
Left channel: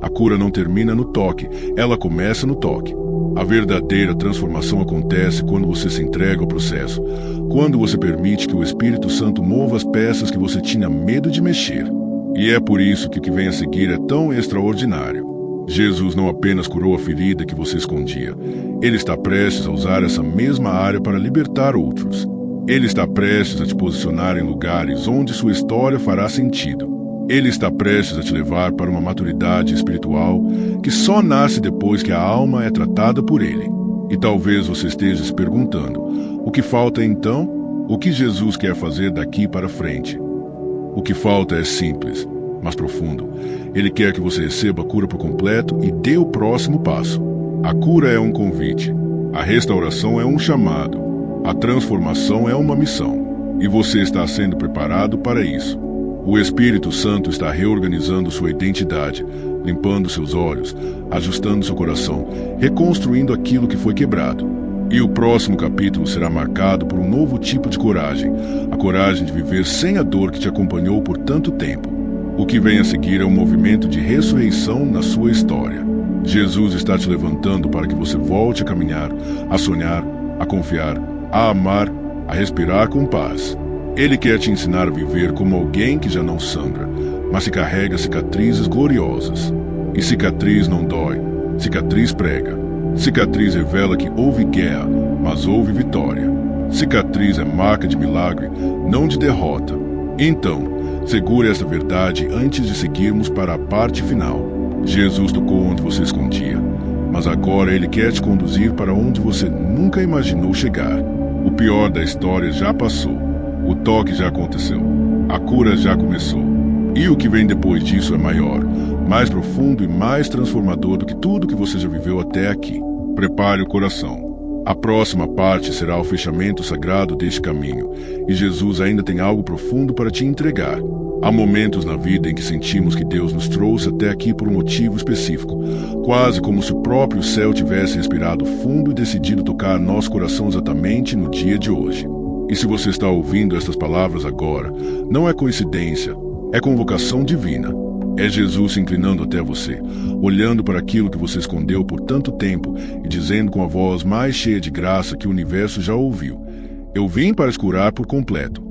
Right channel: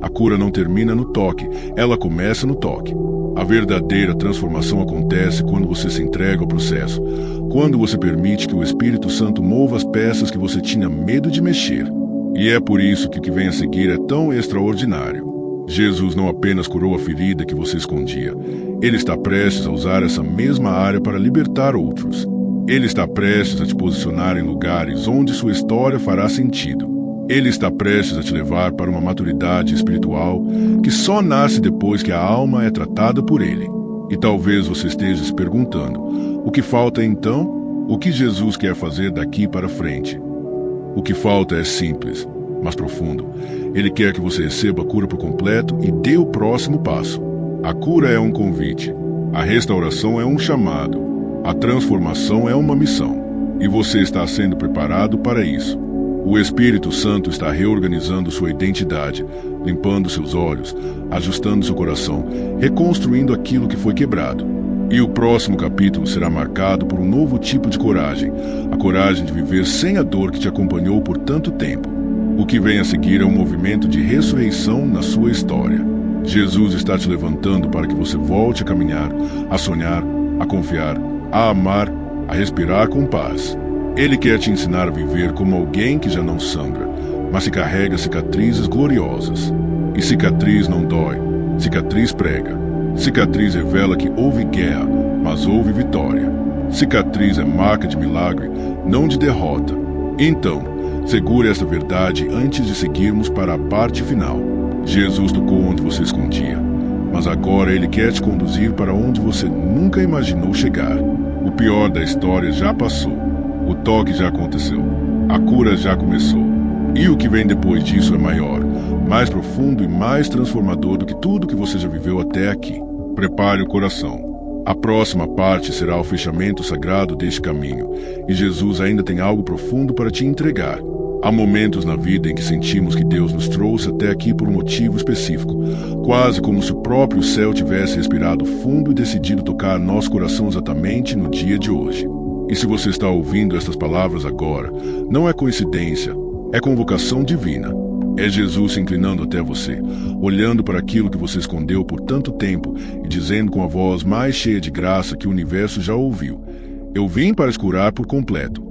A cura não termina no toque, ela começa no toque. A verdadeira transformação acontece quando você se entrega ao processo, quando você permite que o Espírito Santo mova as peças que você tinha medo de mexer. E é por isso que o que vem a seguir é tão extraordinário. Jesus não apenas curou a ferida que você escondia, ele está prestes a usar essa mesma área para libertar outros. Ele está prestes a te posicionar em lugares onde sua história fará sentido. Ele está prestes a te levar para uma maturidade espiritual que só nasce depois que a alma é tratada por ele. E talvez você esteja se perguntando, o que falta então? O que Jesus quer fazer daqui para frente? O que falta é simples, mas profundo. Ele quer que você receba a cura por completo e dê o próximo passo. A cura é um convite. A restauração é um chamado. A transformação é uma missão, e você está sendo preparado para isso. O Espírito Santo está reorganizando sua identidade, limpando seus olhos, ajustando seu coração, reconstruindo aquilo que foi quebrado. E o próximo capítulo será marcado por um novo tipo de coragem, a coragem de viver sem a dor que te acompanhou por tanto tempo. O que vem a seguir é um movimento de ressurreição na sua história. Jesus está te levantando para que você volte a caminhar, a sonhar, a confiar, a amar, a respirar com paz. Ele quer te ensinar a viver como alguém que já não sangra, mas que carrega cicatrizes gloriosas. E cicatriz não dói, cicatriz prega. Cicatriz revela que houve guerra, mas houve vitória. Cicatriz é marca de milagre, não de derrota. Então, segure esta verdade antes de seguirmos para a parte final. Jesus tocou onde você escondia, mas agora ele quer te conduzir para onde você nunca imaginou chegar. O pior da história já passou. O toque já aconteceu. A cura já começou. E o que vem depois disso é maior, mais profundo e mais transformador do que tudo que você já viveu até aqui. Prepare o coração. A próxima parte será o fechamento sagrado deste caminho, e Jesus ainda tem algo profundo para te entregar. Há momentos na vida em que sentimos que Deus nos trouxe até aqui por um motivo específico, quase como se o próprio céu tivesse respirado fundo e decidido tocar nosso coração exatamente no dia de hoje. E se você está ouvindo estas palavras agora, não é coincidência, é convocação divina. É Jesus se inclinando até você, olhando para aquilo que você escondeu por tanto tempo e dizendo com a voz mais cheia de graça que o universo já ouviu: eu vim para te curar por completo.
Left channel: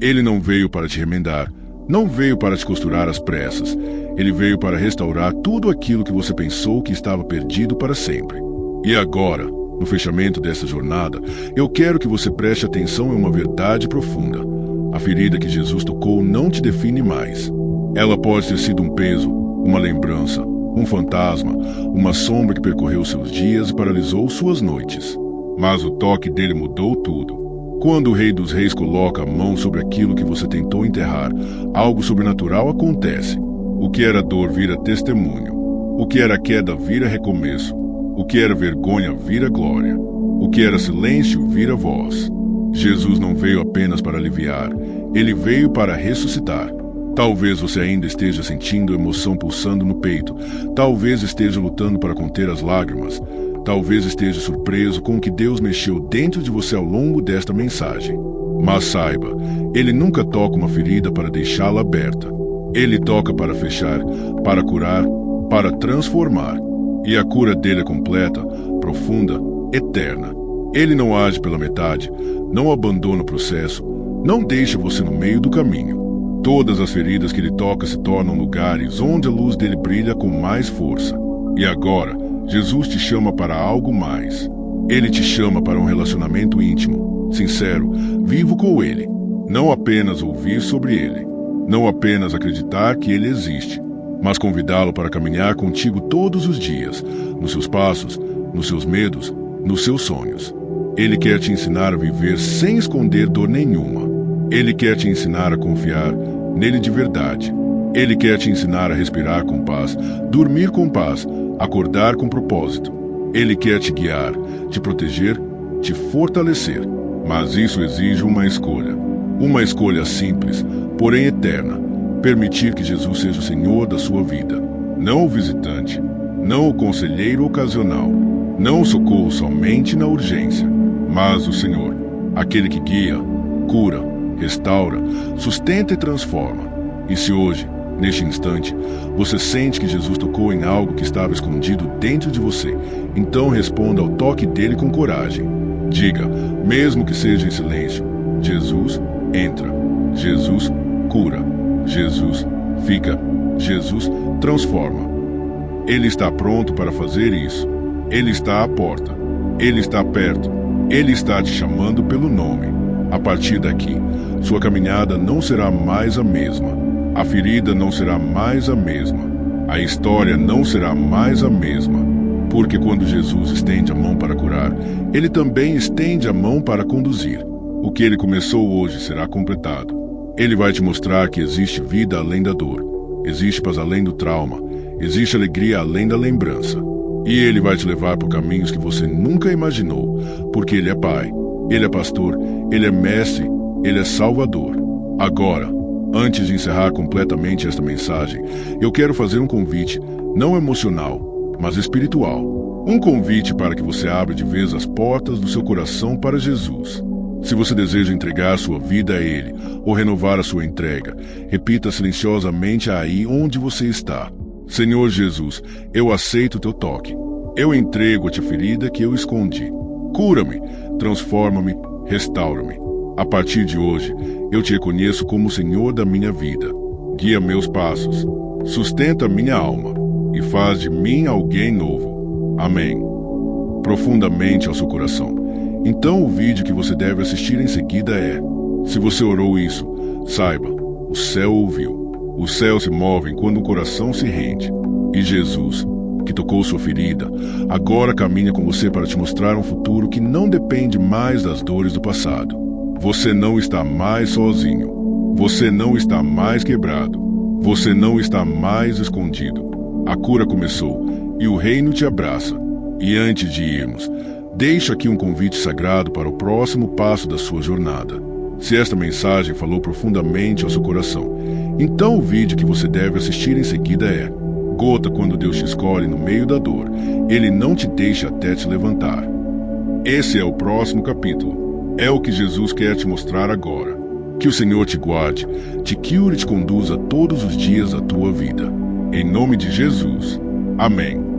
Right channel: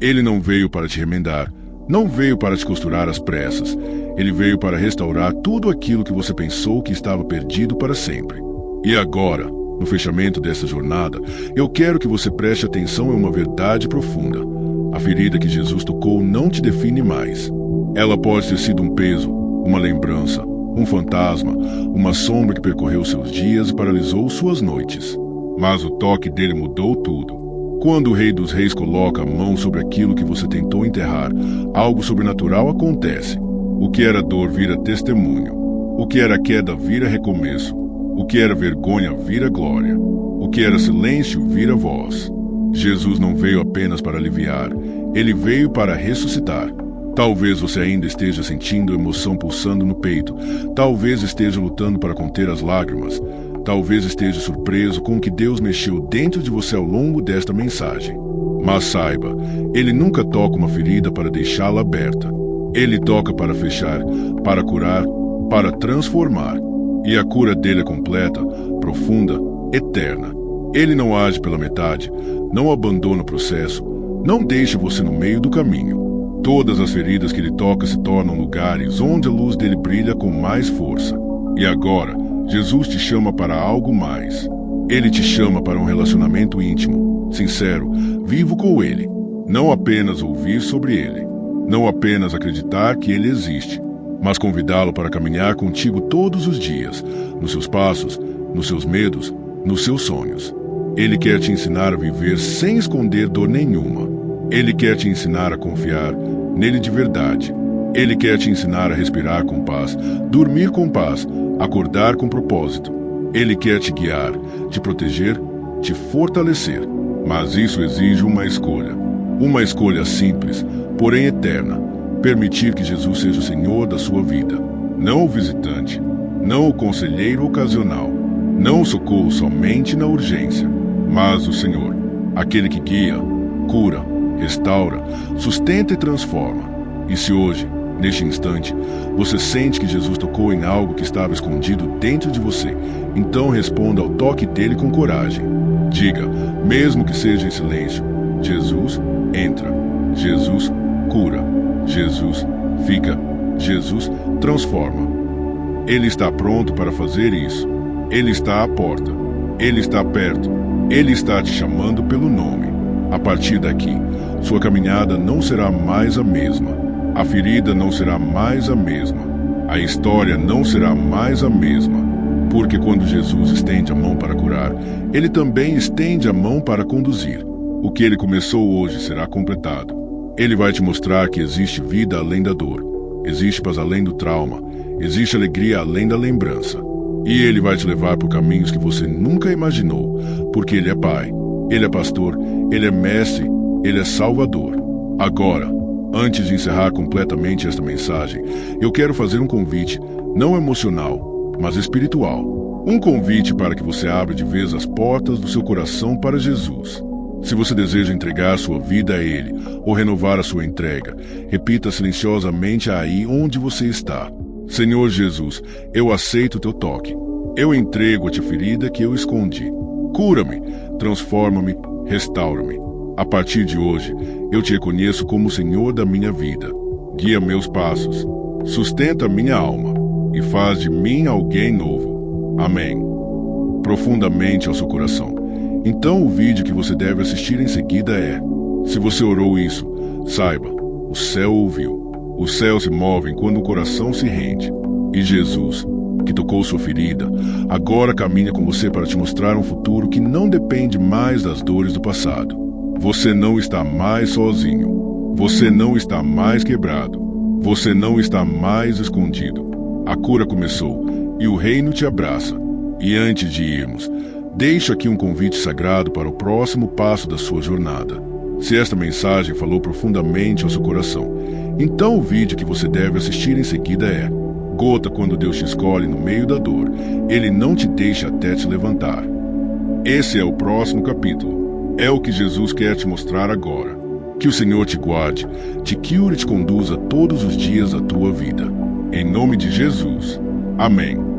Ele não veio para te remendar, não veio para te costurar às pressas. Ele veio para restaurar tudo aquilo que você pensou que estava perdido para sempre. E agora, No fechamento dessa jornada, eu quero que você preste atenção em uma verdade profunda. A ferida que Jesus tocou não te define mais. Ela pode ter sido um peso, uma lembrança, um fantasma, uma sombra que percorreu seus dias e paralisou suas noites. Mas o toque dele mudou tudo. Quando o Rei dos Reis coloca a mão sobre aquilo que você tentou enterrar, algo sobrenatural acontece. O que era dor vira testemunho. O que era queda vira recomeço. O que era vergonha vira glória. O que era silêncio vira voz. Jesus não veio apenas para aliviar, ele veio para ressuscitar. Talvez você ainda esteja sentindo a emoção pulsando no peito. Talvez esteja lutando para conter as lágrimas. Talvez esteja surpreso com o que Deus mexeu dentro de você ao longo desta mensagem. Mas saiba, ele nunca toca uma ferida para deixá-la aberta. Ele toca para fechar, para curar, para transformar. E a cura dele é completa, profunda, eterna. Ele não age pela metade, não abandona o processo, não deixa você no meio do caminho. Todas as feridas que ele toca se tornam lugares onde a luz dele brilha com mais força. E agora, Jesus te chama para algo mais. Ele te chama para um relacionamento íntimo, sincero, vivo com ele. Não apenas ouvir sobre ele. Não apenas acreditar que ele existe, mas convidá-lo para caminhar contigo todos os dias, nos seus passos, nos seus medos, nos seus sonhos. Ele quer te ensinar a viver sem esconder dor nenhuma. Ele quer te ensinar a confiar nele de verdade. Ele quer te ensinar a respirar com paz, dormir com paz, acordar com propósito. Ele quer te guiar, te proteger, te fortalecer. Mas isso exige uma escolha. Uma escolha simples, porém eterna. Permitir que Jesus seja o Senhor da sua vida. Não o visitante, não o conselheiro ocasional, não o socorro somente na urgência, mas o Senhor, aquele que guia, cura, restaura, sustenta e transforma. E se hoje, neste instante, você sente que Jesus tocou em algo que estava escondido dentro de você, então responda ao toque dele com coragem. Diga, mesmo que seja em silêncio, Jesus entra, Jesus cura, Jesus fica, Jesus transforma. Ele está pronto para fazer isso. Ele está à porta. Ele está perto. Ele está te chamando pelo nome. A partir daqui, sua caminhada não será mais a mesma. A ferida não será mais a mesma. A história não será mais a mesma. Porque quando Jesus estende a mão para curar, ele também estende a mão para conduzir. O que ele começou hoje será completado. Ele vai te mostrar que existe vida além da dor. Existe paz além do trauma. Existe alegria além da lembrança. E ele vai te levar por caminhos que você nunca imaginou, porque ele é pai, ele é pastor, ele é mestre, ele é salvador. Agora, antes de encerrar completamente esta mensagem, eu quero fazer um convite, não emocional, mas espiritual. Um convite para que você abra de vez as portas do seu coração para Jesus. Se você deseja entregar sua vida a Ele, ou renovar a sua entrega, repita silenciosamente aí onde você está. Senhor Jesus, eu aceito o teu toque. Eu entrego-te a ferida que eu escondi. Cura-me, transforma-me, restaura-me. A partir de hoje, eu te reconheço como o Senhor da minha vida. Guia meus passos, sustenta minha alma e faz de mim alguém novo. Amém. Profundamente ao seu coração. Então o vídeo que você deve assistir em seguida é: se você orou isso, saiba, o céu ouviu. Os céus se movem quando o coração se rende. E Jesus, que tocou sua ferida, agora caminha com você para te mostrar um futuro que não depende mais das dores do passado. Você não está mais sozinho. Você não está mais quebrado. Você não está mais escondido. A cura começou e o reino te abraça. E antes de irmos, deixo aqui um convite sagrado para o próximo passo da sua jornada. Se esta mensagem falou profundamente ao seu coração, então o vídeo que você deve assistir em seguida é: Gota quando Deus te escolhe no meio da dor, Ele não te deixa até te levantar. Esse é o próximo capítulo. É o que Jesus quer te mostrar agora. Que o Senhor te guarde, te cure e te conduza todos os dias da tua vida. Em nome de Jesus. Amém.